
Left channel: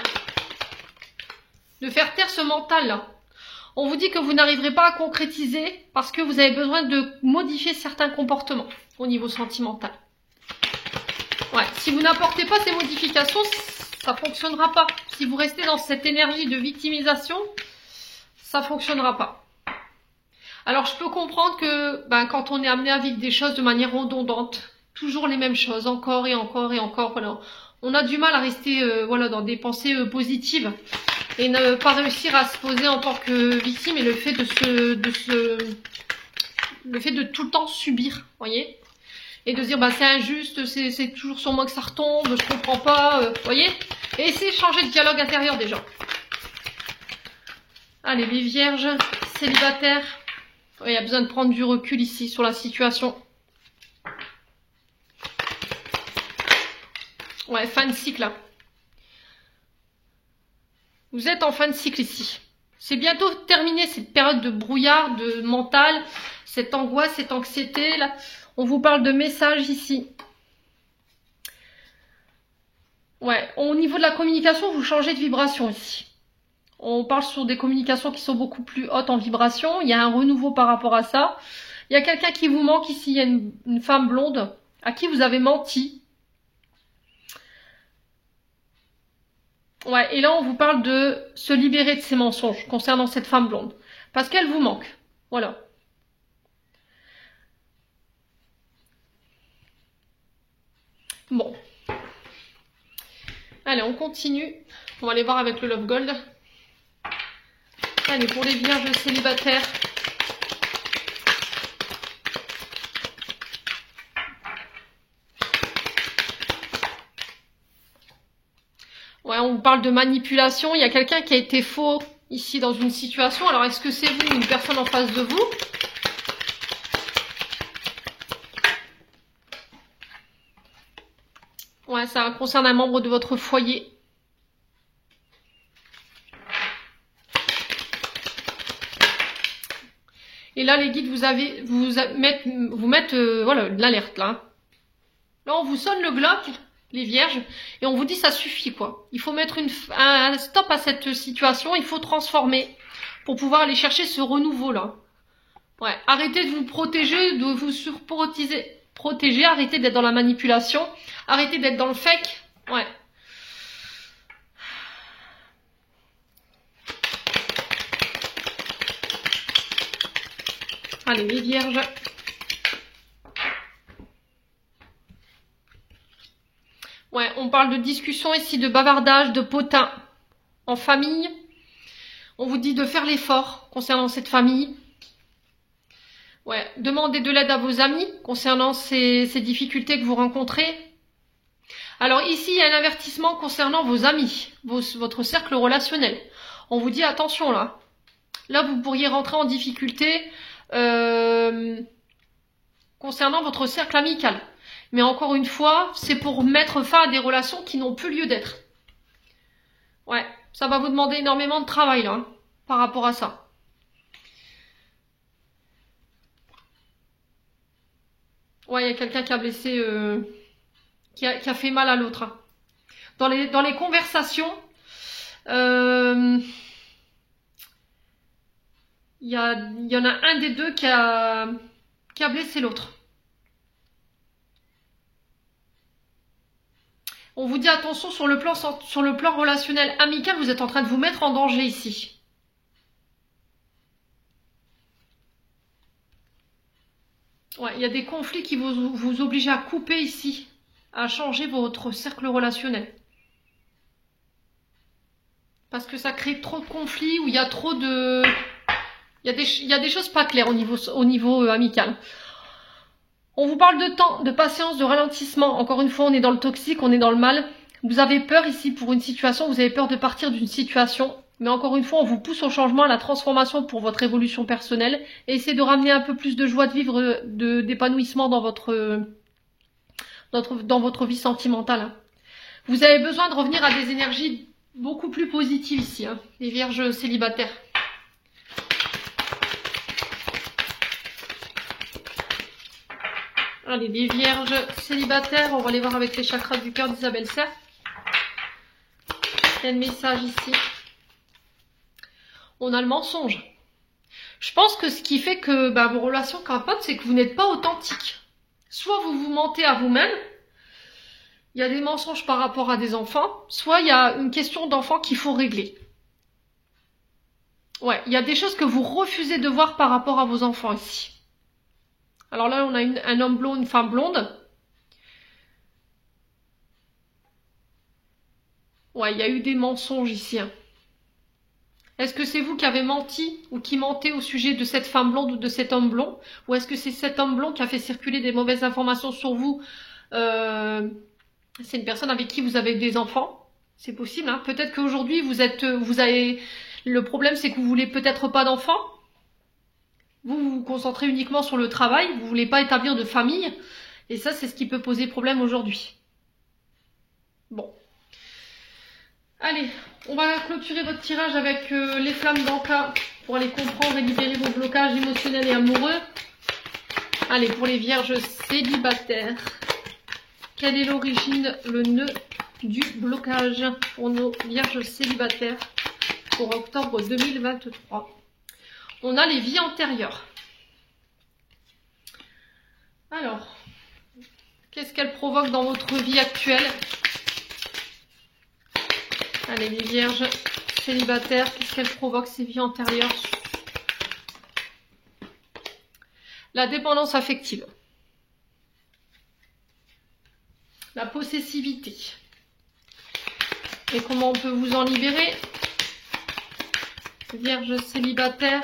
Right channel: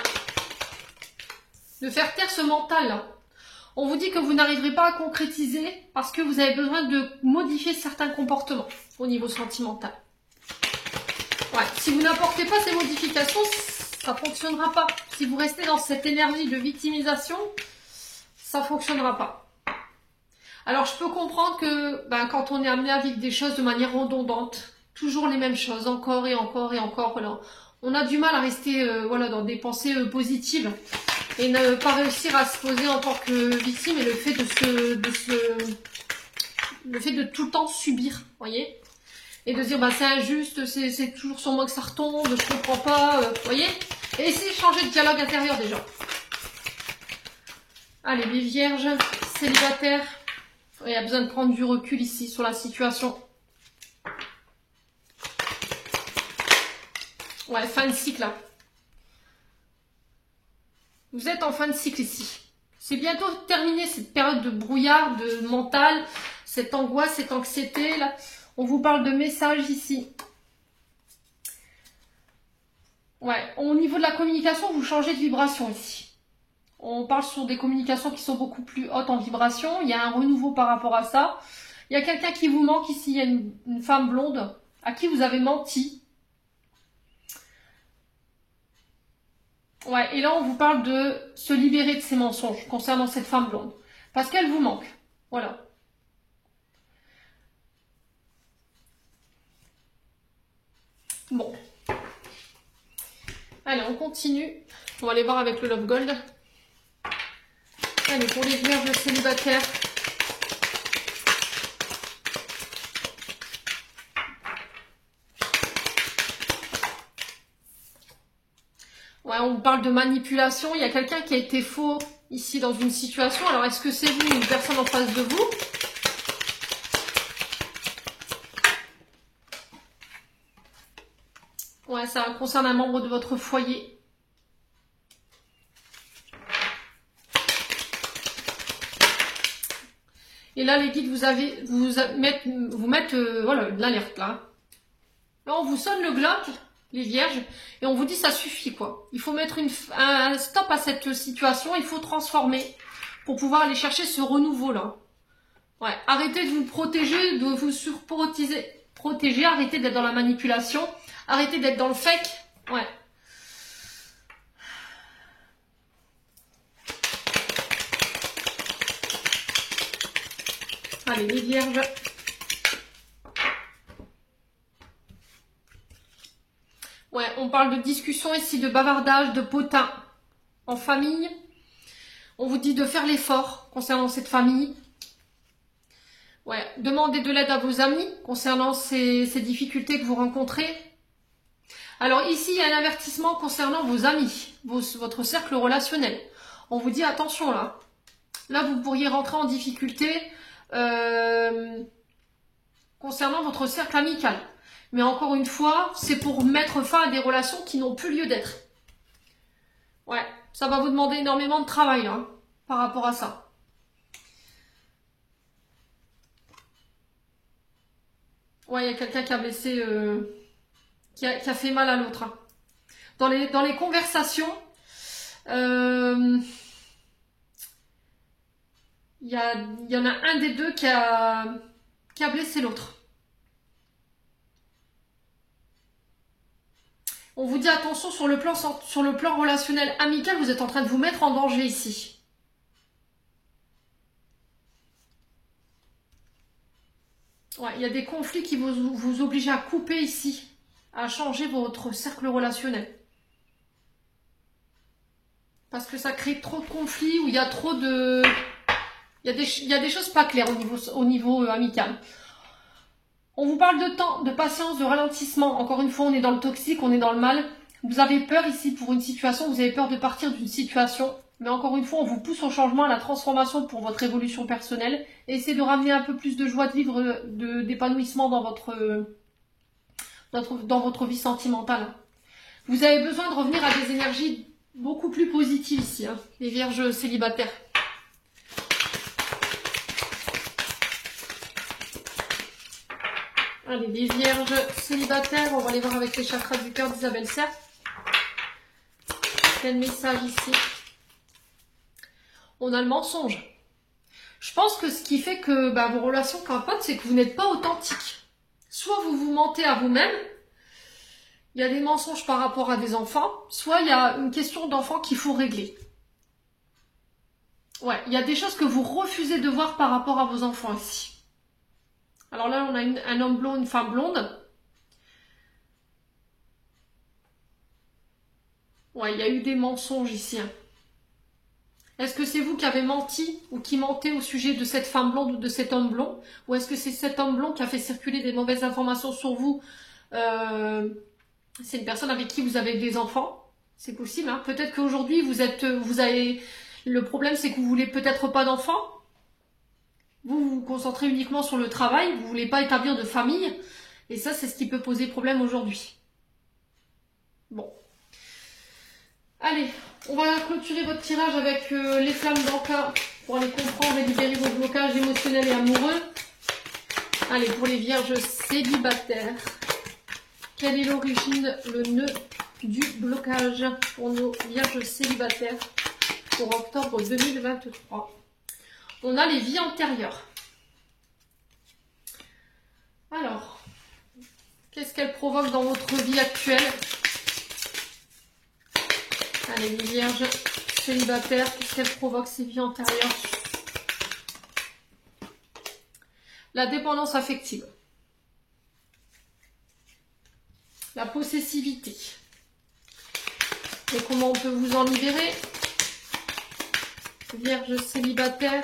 De faire taire ce mental là. On vous dit que vous n'arriverez pas à concrétiser parce que vous avez besoin de modifier certains comportements au niveau sentimental. Ouais, si vous n'apportez pas ces modifications, ça ne fonctionnera pas. Si vous restez dans cette énergie de victimisation, ça ne fonctionnera pas. Alors, je peux comprendre que quand on est amené à vivre des choses de manière redondante, toujours les mêmes choses, encore et encore et encore, voilà, on a du mal à rester dans des pensées positives et ne pas réussir à se poser en tant que victime et le fait de tout le temps subir, voyez, et de se dire c'est injuste, c'est toujours sur moi que ça retombe, je comprends pas, voyez, et essayer de changer de dialogue intérieur déjà. Allez, les vierges célibataires, il y a besoin de prendre du recul ici sur la situation. Ouais, fin de cycle là. Vous êtes en fin de cycle ici. C'est bientôt terminé cette période de brouillard, de mental, cette angoisse, cette anxiété là. On vous parle de messages ici. Ouais, au niveau de la communication, vous changez de vibration ici. On parle sur des communications qui sont beaucoup plus hautes en vibration. Il y a un renouveau par rapport à ça. Il y a quelqu'un qui vous manque ici. Il y a une femme blonde à qui vous avez menti. Ouais, et là, on vous parle de se libérer de ces mensonges concernant cette femme blonde. Parce qu'elle vous manque. Voilà. Bon. Allez, on continue. On va aller voir avec le Love Gold. Allez, pour les vierges célibataires. Ouais, on vous parle de manipulation. Il y a quelqu'un qui a été faux ici dans une situation. Alors, est-ce que c'est vous ou une personne en face de vous? Ouais, ça concerne un membre de votre foyer. Et là, les guides vous mettent voilà, de l'alerte là. Là, on vous sonne le glas, les vierges, et on vous dit ça suffit quoi. Il faut mettre un stop à cette situation, il faut transformer pour pouvoir aller chercher ce renouveau là. Ouais, arrêtez de vous protéger, de vous protéger, arrêtez d'être dans la manipulation, arrêtez d'être dans le fake. Ouais. Allez, les vierges. Ouais, on parle de discussion ici, de bavardage, de potin en famille. On vous dit de faire l'effort concernant cette famille. Ouais, demandez de l'aide à vos amis concernant ces difficultés que vous rencontrez. Alors ici, il y a un avertissement concernant vos amis, votre cercle relationnel. On vous dit attention là. Là, vous pourriez rentrer en difficulté concernant votre cercle amical. Mais encore une fois, c'est pour mettre fin à des relations qui n'ont plus lieu d'être. Ouais, ça va vous demander énormément de travail là, hein, par rapport à ça. Ouais, il y a quelqu'un qui a blessé, qui a fait mal à l'autre, hein. Dans les conversations, il y en a un des deux qui a blessé l'autre. On vous dit attention sur le plan relationnel amical, vous êtes en train de vous mettre en danger ici. Ouais, il y a des conflits qui vous obligent à couper ici, à changer votre cercle relationnel. Parce que ça crée trop de conflits, où il y a trop de... Il y a des choses pas claires au niveau amical. On vous parle de temps, de patience, de ralentissement. Encore une fois, on est dans le toxique, on est dans le mal. Vous avez peur ici pour une situation, vous avez peur de partir d'une situation. Mais encore une fois, on vous pousse au changement, à la transformation pour votre évolution personnelle. Et essayez de ramener un peu plus de joie de vivre, d'épanouissement dans votre vie sentimentale. Vous avez besoin de revenir à des énergies beaucoup plus positives ici, hein, les vierges célibataires. Allez, les vierges célibataires, on va les voir avec les chakras du cœur d'Isabelle Serre. Quel message ici? On a le mensonge. Je pense que ce qui fait que vos relations capotent, c'est que vous n'êtes pas authentique. Soit vous vous mentez à vous-même, il y a des mensonges par rapport à des enfants, soit il y a une question d'enfant qu'il faut régler. Ouais, il y a des choses que vous refusez de voir par rapport à vos enfants ici. Alors là, on a un homme blond, une femme blonde. Ouais, il y a eu des mensonges ici, hein. Est-ce que c'est vous qui avez menti ou qui mentez au sujet de cette femme blonde ou de cet homme blond? Ou est-ce que c'est cet homme blond qui a fait circuler des mauvaises informations sur vous? C'est une personne avec qui vous avez des enfants? C'est possible, hein. Peut-être qu'aujourd'hui, le problème, c'est que vous voulez peut-être pas d'enfants. Vous vous concentrez uniquement sur le travail, vous voulez pas établir de famille. Et ça, c'est ce qui peut poser problème aujourd'hui. Bon. Allez, on va clôturer votre tirage avec les flammes d'Anka pour aller comprendre et libérer vos blocages émotionnels et amoureux. Allez, pour les vierges célibataires, quelle est l'origine, le nœud du blocage pour nos vierges célibataires pour octobre 2023? On a les vies antérieures. Alors, qu'est-ce qu'elles provoquent dans votre vie actuelle? Allez, les vierges célibataires, qu'est-ce qu'elles provoquent ces vies antérieures? La dépendance affective. La possessivité. Et comment on peut vous en libérer? Vierges célibataires.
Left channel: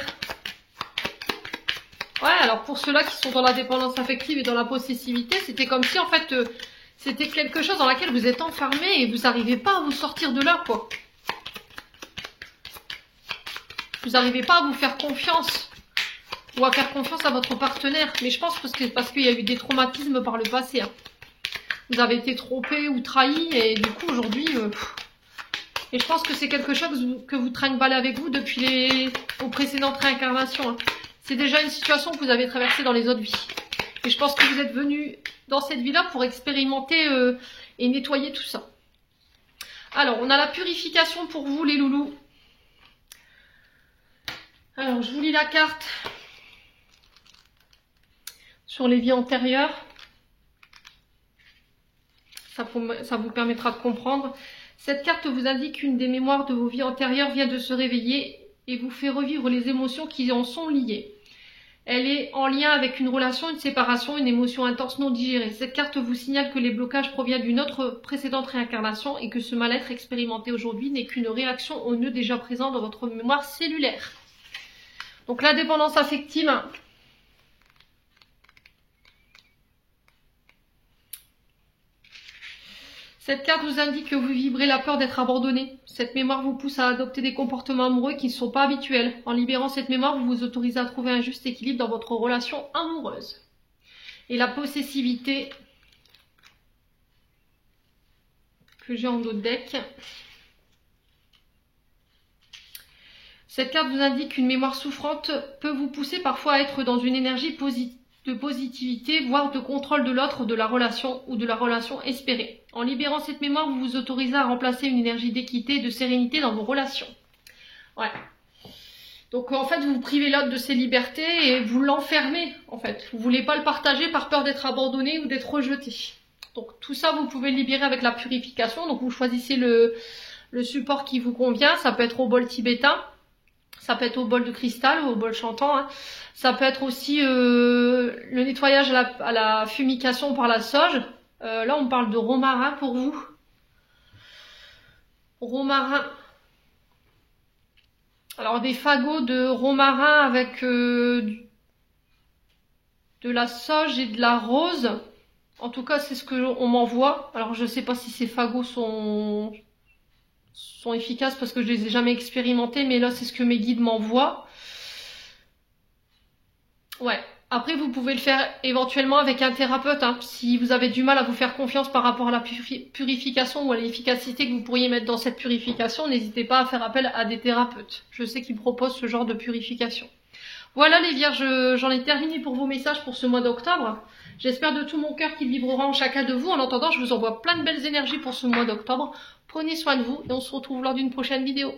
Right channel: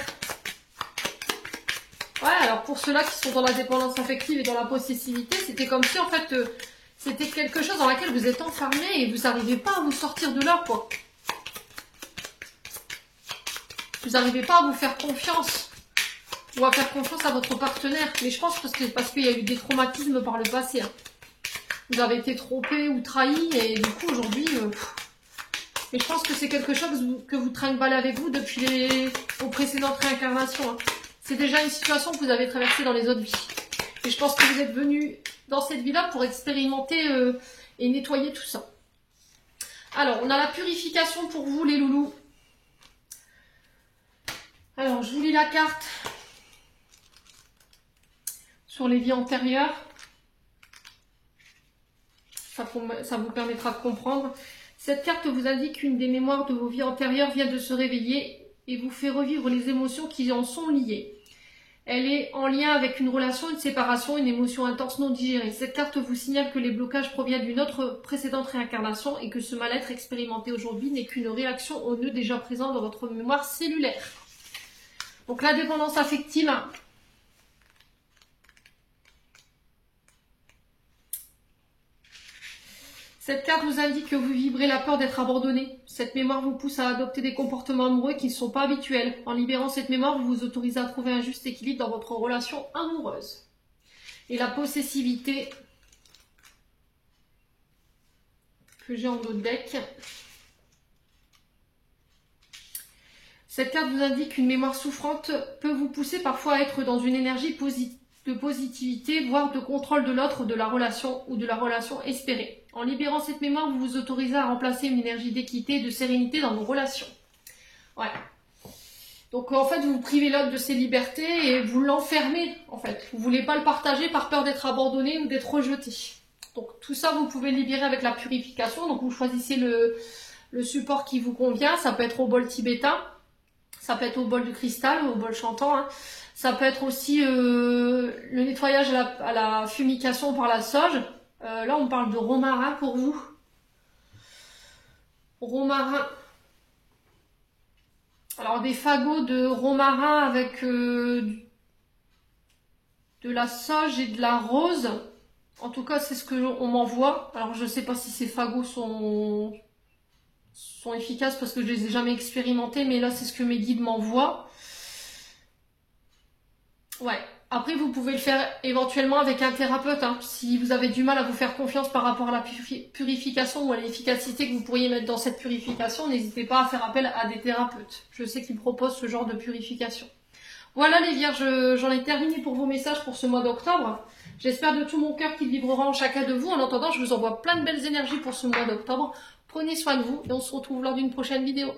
Ouais, alors pour ceux-là qui sont dans la dépendance affective et dans la possessivité, c'était comme si en fait c'était quelque chose dans laquelle vous êtes enfermé et vous n'arrivez pas à vous sortir de là, quoi. Vous n'arrivez pas à vous faire confiance ou à faire confiance à votre partenaire. Mais je pense parce qu'il y a eu des traumatismes par le passé, hein. Vous avez été trompé ou trahi et du coup aujourd'hui... Et je pense que c'est quelque chose que vous trinquez avec vous depuis vos précédentes réincarnations, hein. C'est déjà une situation que vous avez traversée dans les autres vies. Et je pense que vous êtes venu dans cette vie-là pour expérimenter et nettoyer tout ça. Alors, on a la purification pour vous, les loulous. Alors, je vous lis la carte sur les vies antérieures. Ça vous permettra de comprendre. Cette carte vous indique qu'une des mémoires de vos vies antérieures vient de se réveiller et vous fait revivre les émotions qui en sont liées. Elle est en lien avec une relation, une séparation, une émotion intense non digérée. Cette carte vous signale que les blocages proviennent d'une autre précédente réincarnation et que ce mal-être expérimenté aujourd'hui n'est qu'une réaction au nœud déjà présent dans votre mémoire cellulaire. Donc la dépendance affective... Cette carte vous indique que vous vibrez la peur d'être abandonné. Cette mémoire vous pousse à adopter des comportements amoureux qui ne sont pas habituels. En libérant cette mémoire, vous vous autorisez à trouver un juste équilibre dans votre relation amoureuse. Et la possessivité que j'ai en dos de deck. Cette carte vous indique qu'une mémoire souffrante peut vous pousser parfois à être dans une énergie de positivité, voire de contrôle de l'autre, de la relation ou de la relation espérée. En libérant cette mémoire, vous vous autorisez à remplacer une énergie d'équité et de sérénité dans vos relations. Ouais. Donc en fait, vous privez l'autre de ses libertés et vous l'enfermez en fait. Vous voulez pas le partager par peur d'être abandonné ou d'être rejeté. Donc tout ça, vous pouvez le libérer avec la purification. Donc vous choisissez le support qui vous convient. Ça peut être au bol tibétain, ça peut être au bol de cristal ou au bol chantant. Hein. Ça peut être aussi le nettoyage à la fumication par la sauge. Là, on parle de romarin pour vous. Romarin. Alors des fagots de romarin avec de la sauge et de la rose. En tout cas, c'est ce que on m'envoie. Alors je ne sais pas si ces fagots sont efficaces parce que je les ai jamais expérimentés, mais là c'est ce que mes guides m'envoient. Ouais. Après, vous pouvez le faire éventuellement avec un thérapeute. Hein. Si vous avez du mal à vous faire confiance par rapport à la purification ou à l'efficacité que vous pourriez mettre dans cette purification, n'hésitez pas à faire appel à des thérapeutes. Je sais qu'ils proposent ce genre de purification. Voilà les vierges, j'en ai terminé pour vos messages pour ce mois d'octobre. J'espère de tout mon cœur qu'ils vibreront en chacun de vous. En attendant, je vous envoie plein de belles énergies pour ce mois d'octobre. Prenez soin de vous et on se retrouve lors d'une prochaine vidéo.